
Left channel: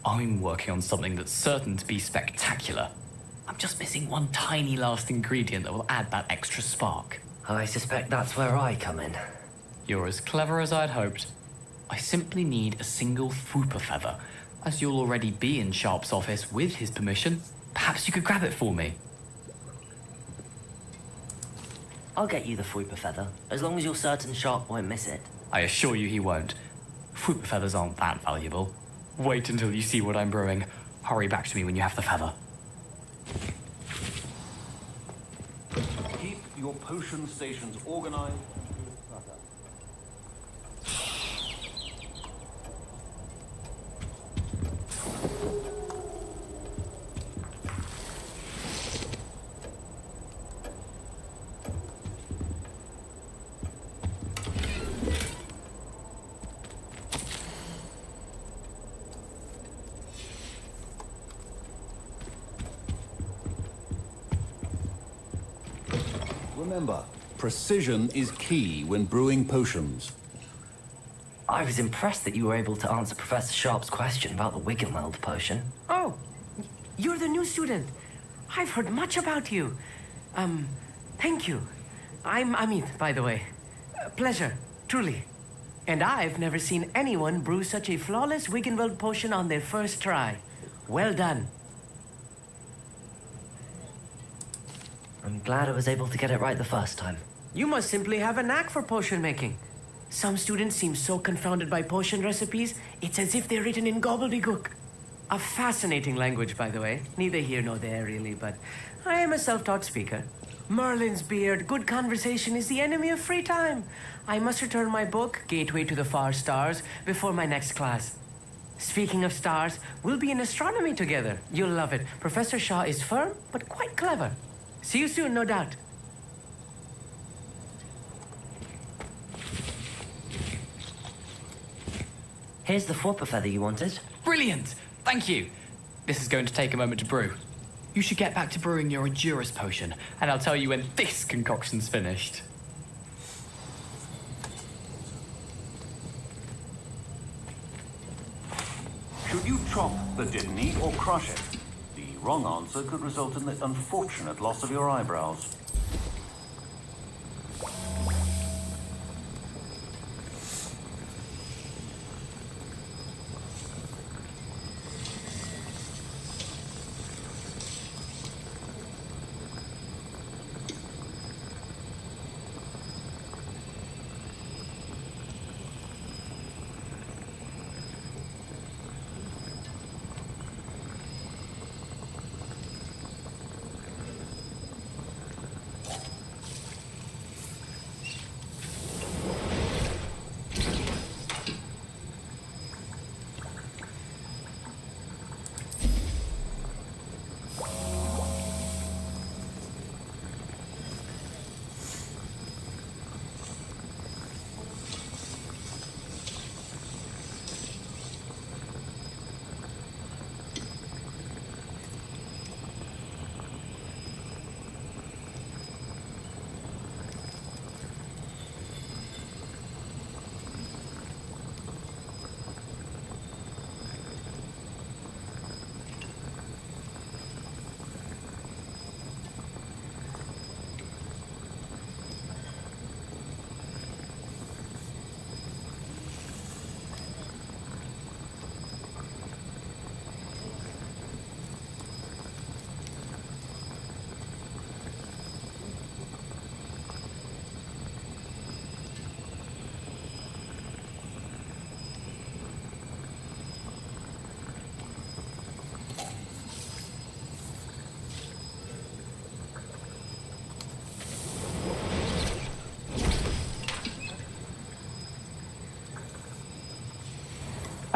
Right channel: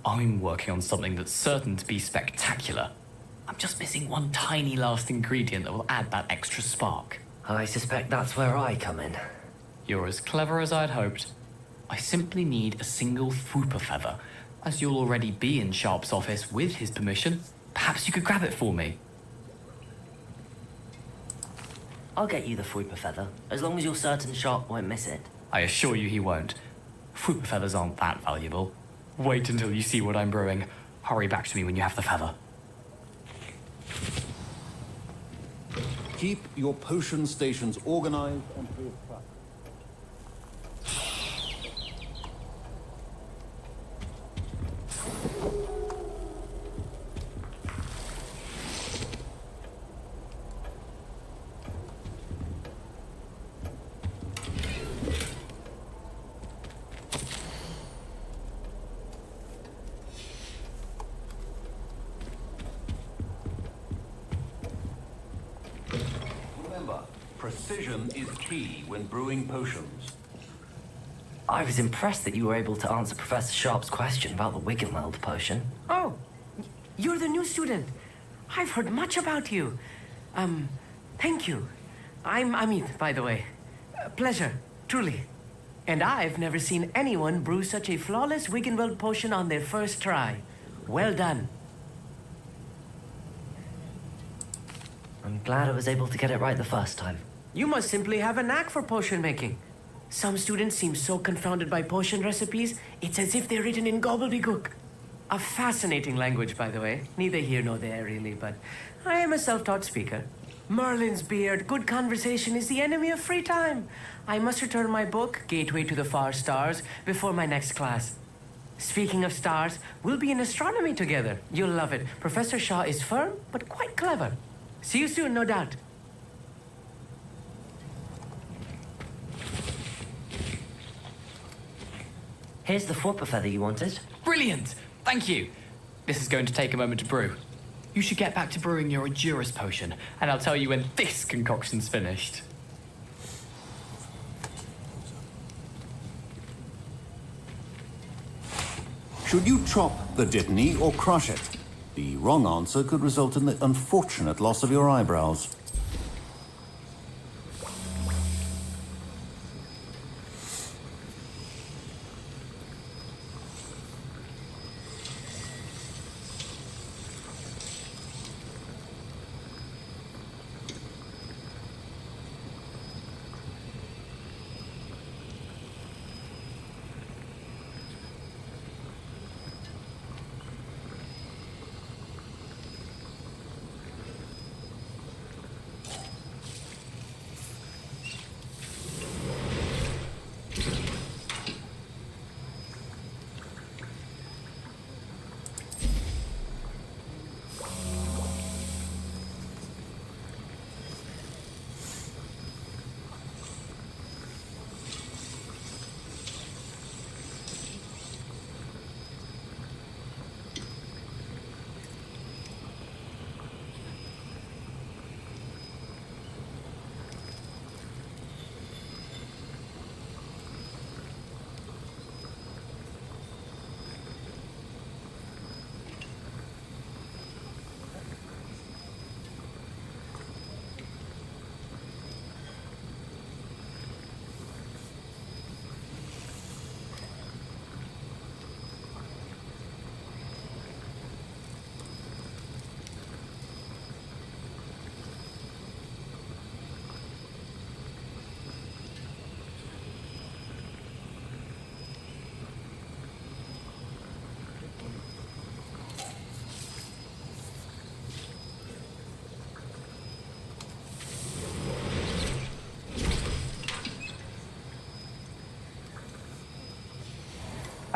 I'm working on something that's certain to be spectacular. I'm just missing one tiny last ingredient that will add that extra spark. I suspect that's where I come in. You're as clever as I'd hoped. I simply need a single Fwooper feather. As you'll already be in Sharp's office with his permission, perhaps you could grab it for me. I'll get you the Fwooper feather, as long as you're certain Sharp won't miss it. I assure you he won't. Fwooper feathers aren't that valuable. Wait until you see what I'm brewing. Hurry back to me when you have the feather. Keep your potion stations organized and clutter. Remember, precision is key when brewing potions. I was impressed that you were able to answer Professor Sharp's question about the Wiggenweld potion. Oh, you're the new student. I've heard much about you. Thank you. I'm Amit, by the way. Pleasure, truly. And I've never seen anyone brew such a flawless Wiggenweld potion on their first try. Well done. I'm glad I was able to get it right the first time. You must simply have a knack for potion making. Some students seem so confounded by potion recipes, it's as if they're written in gobbledygook. A fascinating language, by the way. Neither here nor there, really, but I am a self-taught speaker. Merlin's beard, good conversation is the enemy of free time. I must return my book, Gateway to the Far Stars, before my next class. Speaking of stars, we'll be in astronomy together. You'll love it. Professor Shaw is firm, but quite clever. See you soon, no doubt. Here's the Fwooper feather you wanted. Brilliant! Thank you. This is going to take a moment to brew. You should get back to brewing your Endurus potion, and I'll tell you when this concoction's finished. Should you chop the Dittany or crush it? The wrong answer could result in the unfortunate loss of your eyebrows.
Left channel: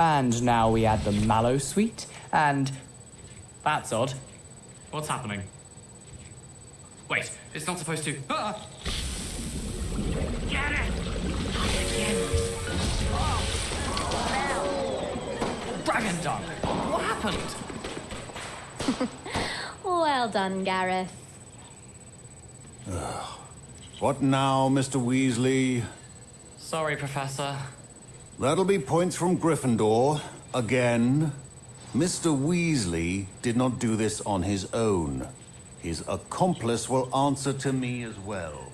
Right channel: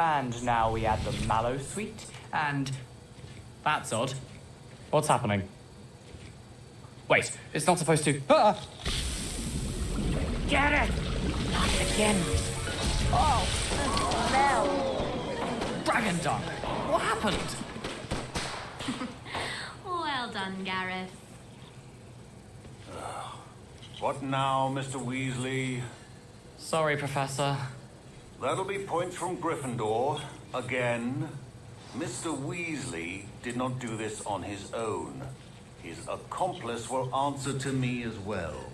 And now we add the mallow sweet, and... That's odd. What's happening? Wait, it's not supposed to... Ah! Get it! Not again. Oh, the smell. Dragon dung! What happened? Well done, Gareth. What now, Mr. Weasley? Sorry, Professor. That'll be points from Gryffindor. Again. Mr. Weasley did not do this on his own. His accomplice will answer to me as well.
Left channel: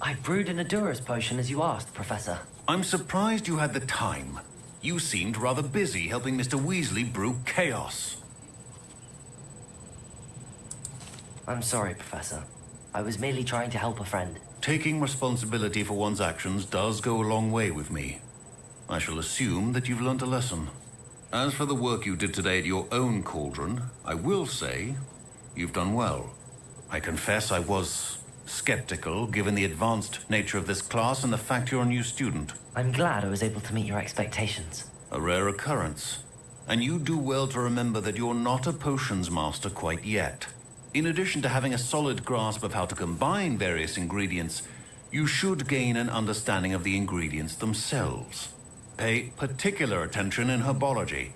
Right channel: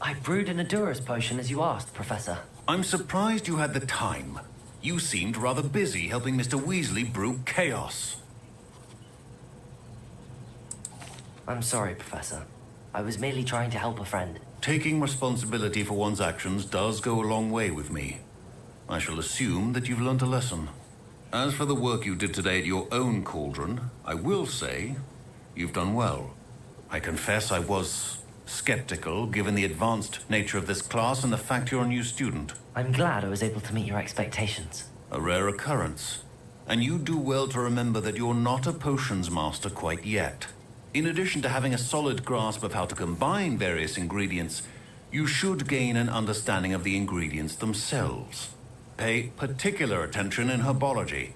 I brewed an Endurus potion as you asked, Professor. I'm surprised you had the time. You seemed rather busy helping Mr. Weasley brew chaos. I'm sorry, Professor. I was merely trying to help a friend. Taking responsibility for one's actions does go a long way with me. I shall assume that you've learnt a lesson. As for the work you did today at your own cauldron, I will say you've done well. I confess I was skeptical, given the advanced nature of this class and the fact you're a new student. I'm glad I was able to meet your expectations. A rare occurrence. And you do well to remember that you're not a potions master quite yet. In addition to having a solid grasp of how to combine various ingredients, you should gain an understanding of the ingredients themselves. Pay particular attention in herbology.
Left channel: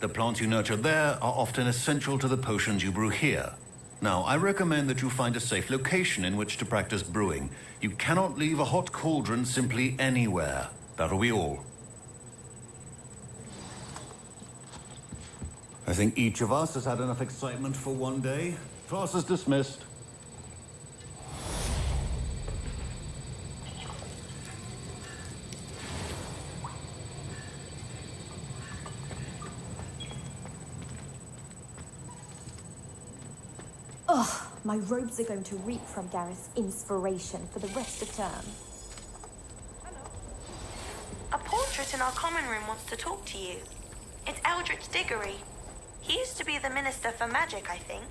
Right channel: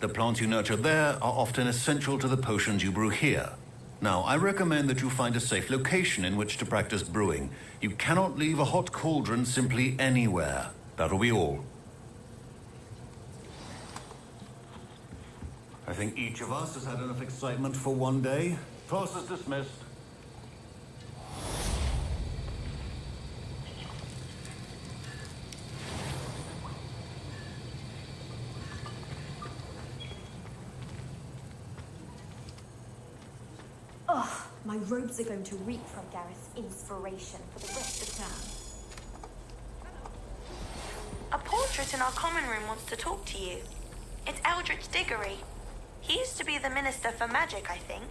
The plants you nurture there are often essential to the potions you brew here. Now, I recommend that you find a safe location in which to practice brewing. You cannot leave a hot cauldron simply anywhere. That'll be all. I think each of us has had enough excitement for one day. Class is dismissed. Ugh, my robes are going to reek from Gareth's inspiration for the rest of term. A portrait in our common room wants to talk to you. It's Eldritch Diggory. He used to be the Minister for Magic, I think.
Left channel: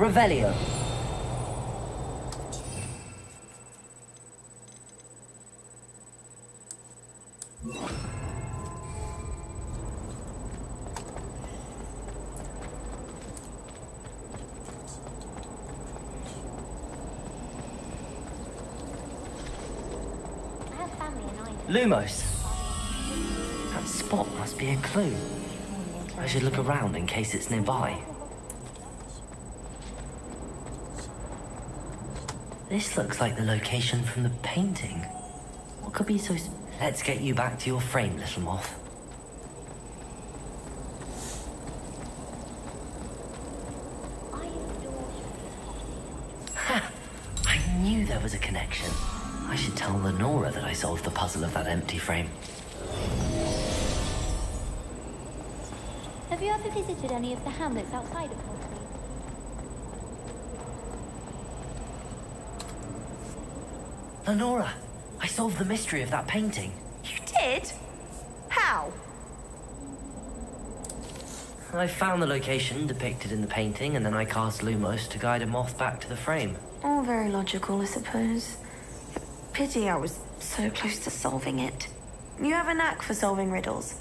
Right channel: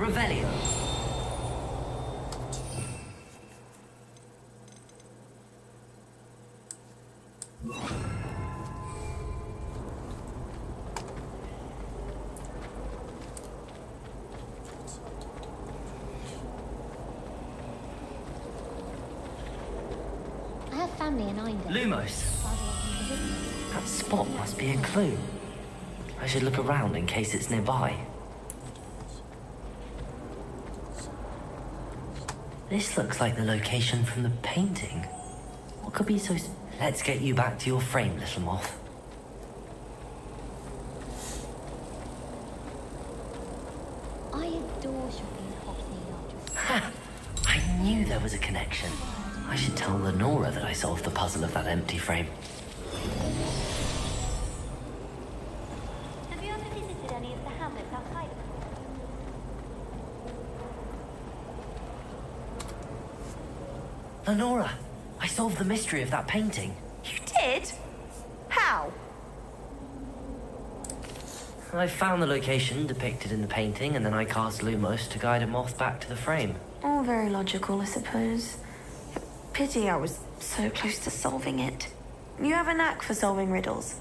Revelio. I have family in Ireland. Lumos. That spot must be a clue. I should look around in case it's nearby. This looks like the location from the painting. What could be so... Let's get you back to your frame, little moth. Ha! I knew there was a connection. I should tell Lenora that I solved the puzzle of that empty frame. Have you ever visited any of the hamlets outside of Lenora, I solved the mystery of that painting. You did? How? I found the location depicted in the painting, and then I cast Lumos to guide a moth back to the frame. All very logical, I suppose. Pity I was so close to solving it. You have a knack for solving riddles.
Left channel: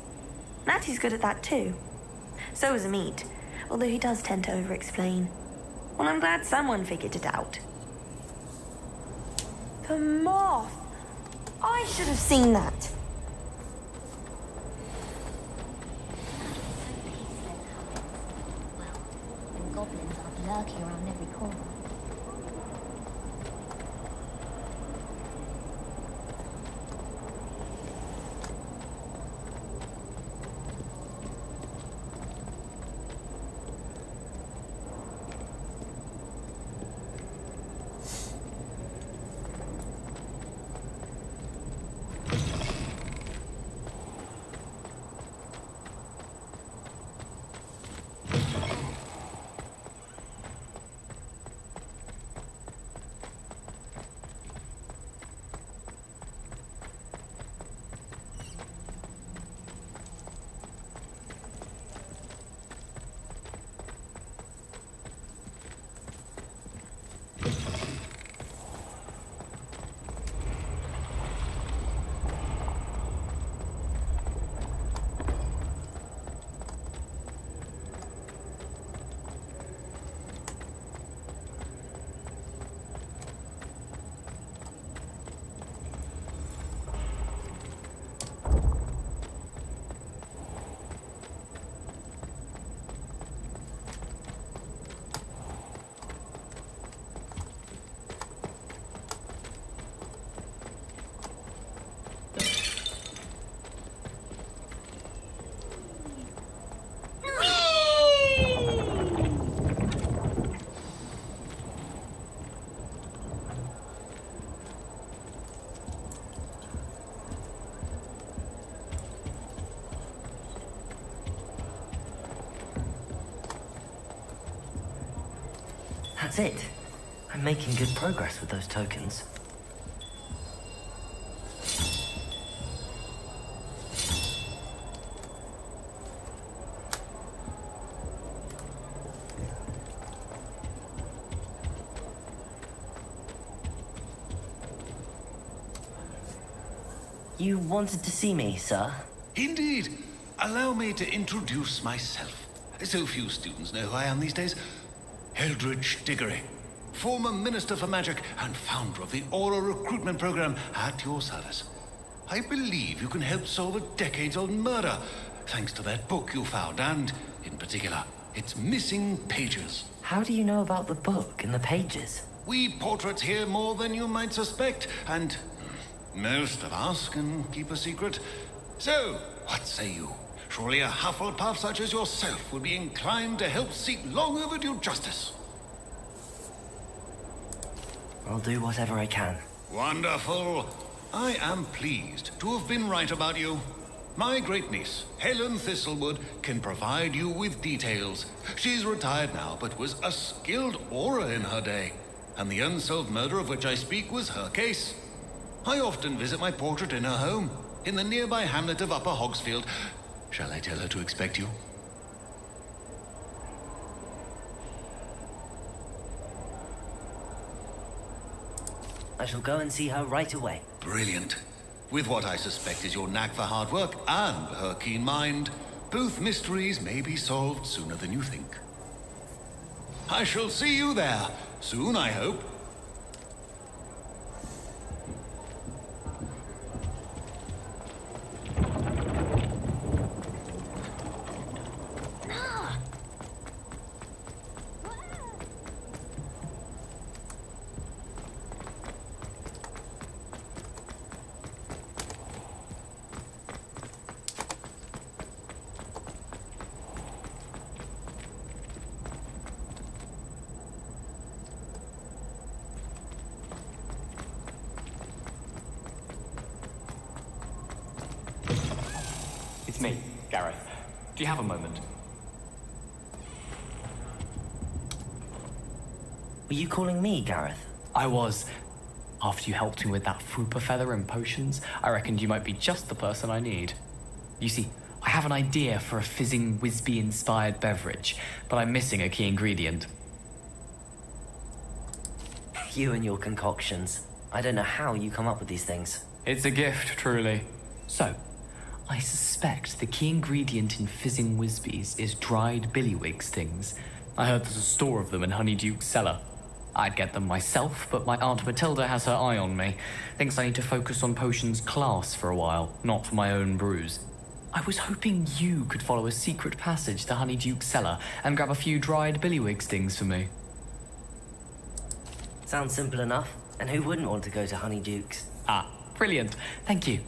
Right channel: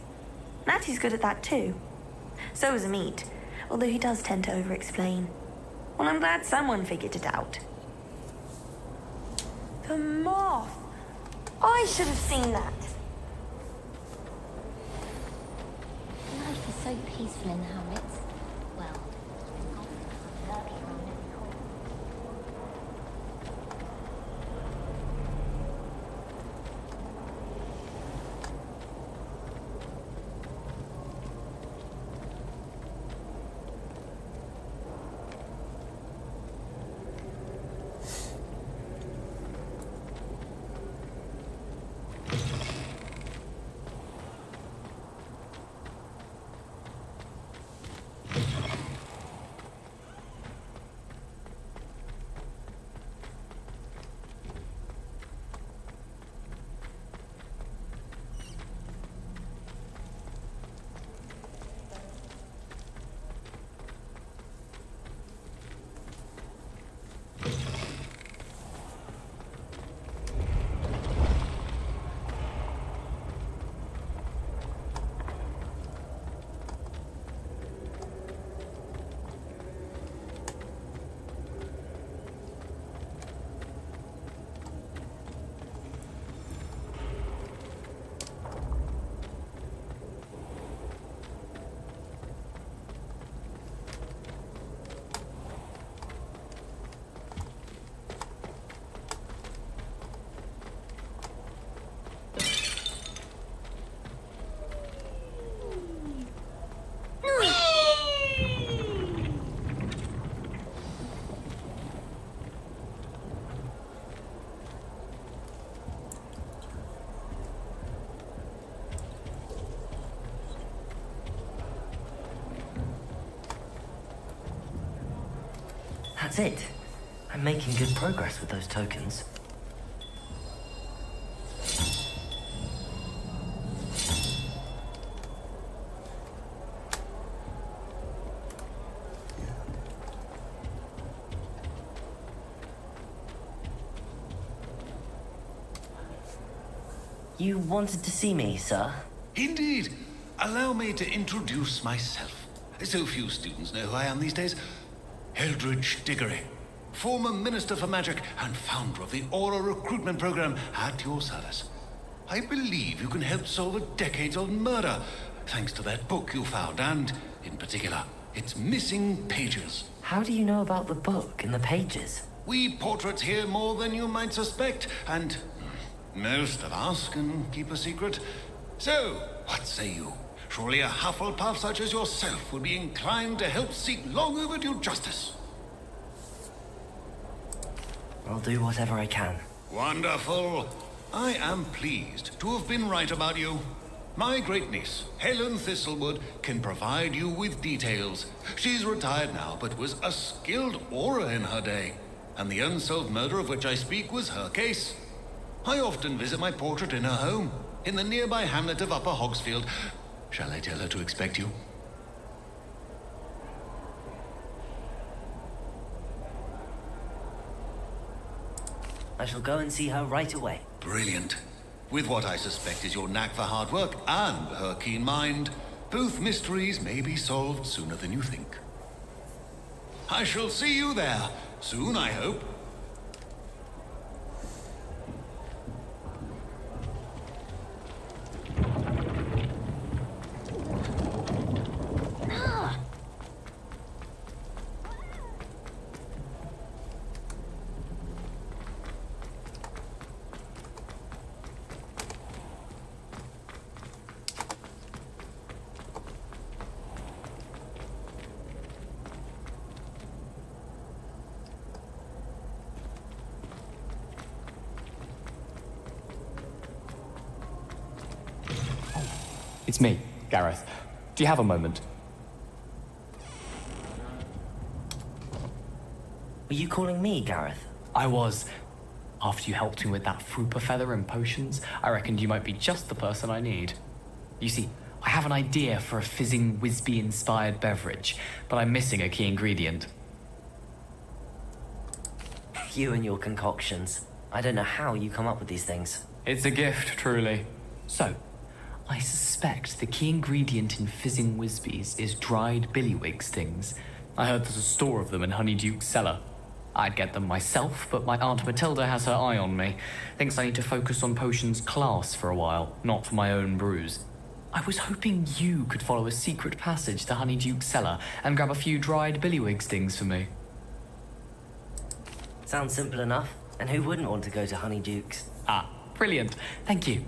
Natty's good at that too. So is Amit, although he does tend to over-explain. Well, I'm glad someone figured it out. The moth! I should have seen that. life is so peaceful in the hamlets. Well, and goblins are lurking around every corner. That's it. I'm making good progress with those tokens. You wanted to see me, sir? Indeed. Allow me to introduce myself. So few students know who I am these days. Eldridge Diggory, former Minister for Magic and founder of the Aura recruitment program, at your service. I believe you can help solve a decades-old murder, thanks to that book you found, and, in particular, its missing pages. How do you know about the book and the pages? We portraits hear more than you might suspect, and most of us can keep a secret. So, what say you? Surely a Hufflepuff such as yourself would be inclined to help seek long overdue justice. I'll do whatever I can. Wonderful. I am pleased to have been right about you. My great-niece, Helen Thistlewood, can provide you with details. She's retired now, but was a skilled aura in her day. And the unsolved murder of which I speak was her case. I often visit my portrait in her home, in the nearby hamlet of Upper Hogsfield. Shall I tell her to expect you? I shall go and see her right away. Brilliant. With what I suspect is your knack for hard work and her keen mind, both mysteries may be solved sooner than you think. I shall see you there soon, I hope. Nah. It's me, Gareth. Do you have a moment? Were you calling me, Gareth? I was. After you helped me with that Fupa feather and potions, I reckoned you might be just the person I need. You see, I have an idea for a fizzing Whizbee-inspired beverage, but I'm missing a key ingredient. You and your concoctions. I don't know how you come up with these things. It's a gift, truly. So, I suspect the key ingredient in fizzing Whizbees is dried billywig stings. I heard there's a store of them in Honeyduke's cellar. I'd get them myself, but my Aunt Matilda has her eye on me. Thinks I need to focus on potions class for a while, not for my own brews. I was hoping you could follow a secret passage to Honeyduke's cellar and grab a few dried billywig stings for me. Sounds simple enough. And who wouldn't want to go to Honeyduke's? Ah, brilliant. Thank you.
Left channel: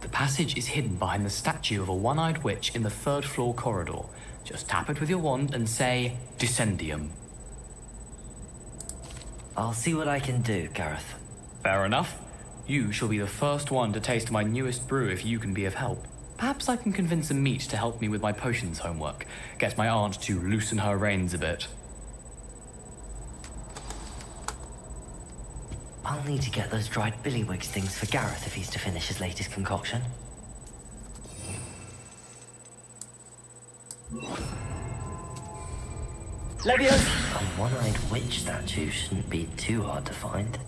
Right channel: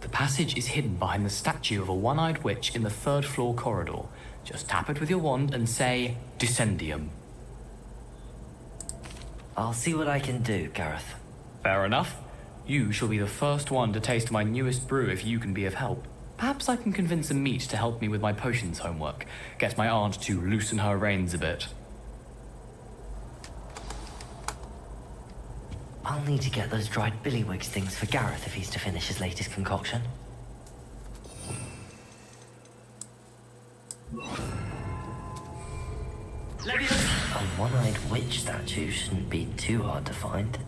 The passage is hidden behind the statue of a one-eyed witch in the third-floor corridor. Just tap it with your wand and say, Descendium. I'll see what I can do, Gareth. Fair enough. You shall be the first one to taste my newest brew if you can be of help. Perhaps I can convince a meat to help me with my potions homework. Get my aunt to loosen her reins a bit. I'll need to get those dried billywigs things for Gareth if he's to finish his latest concoction. Leviosa! A one-eyed witch statue shouldn't be too hard to find.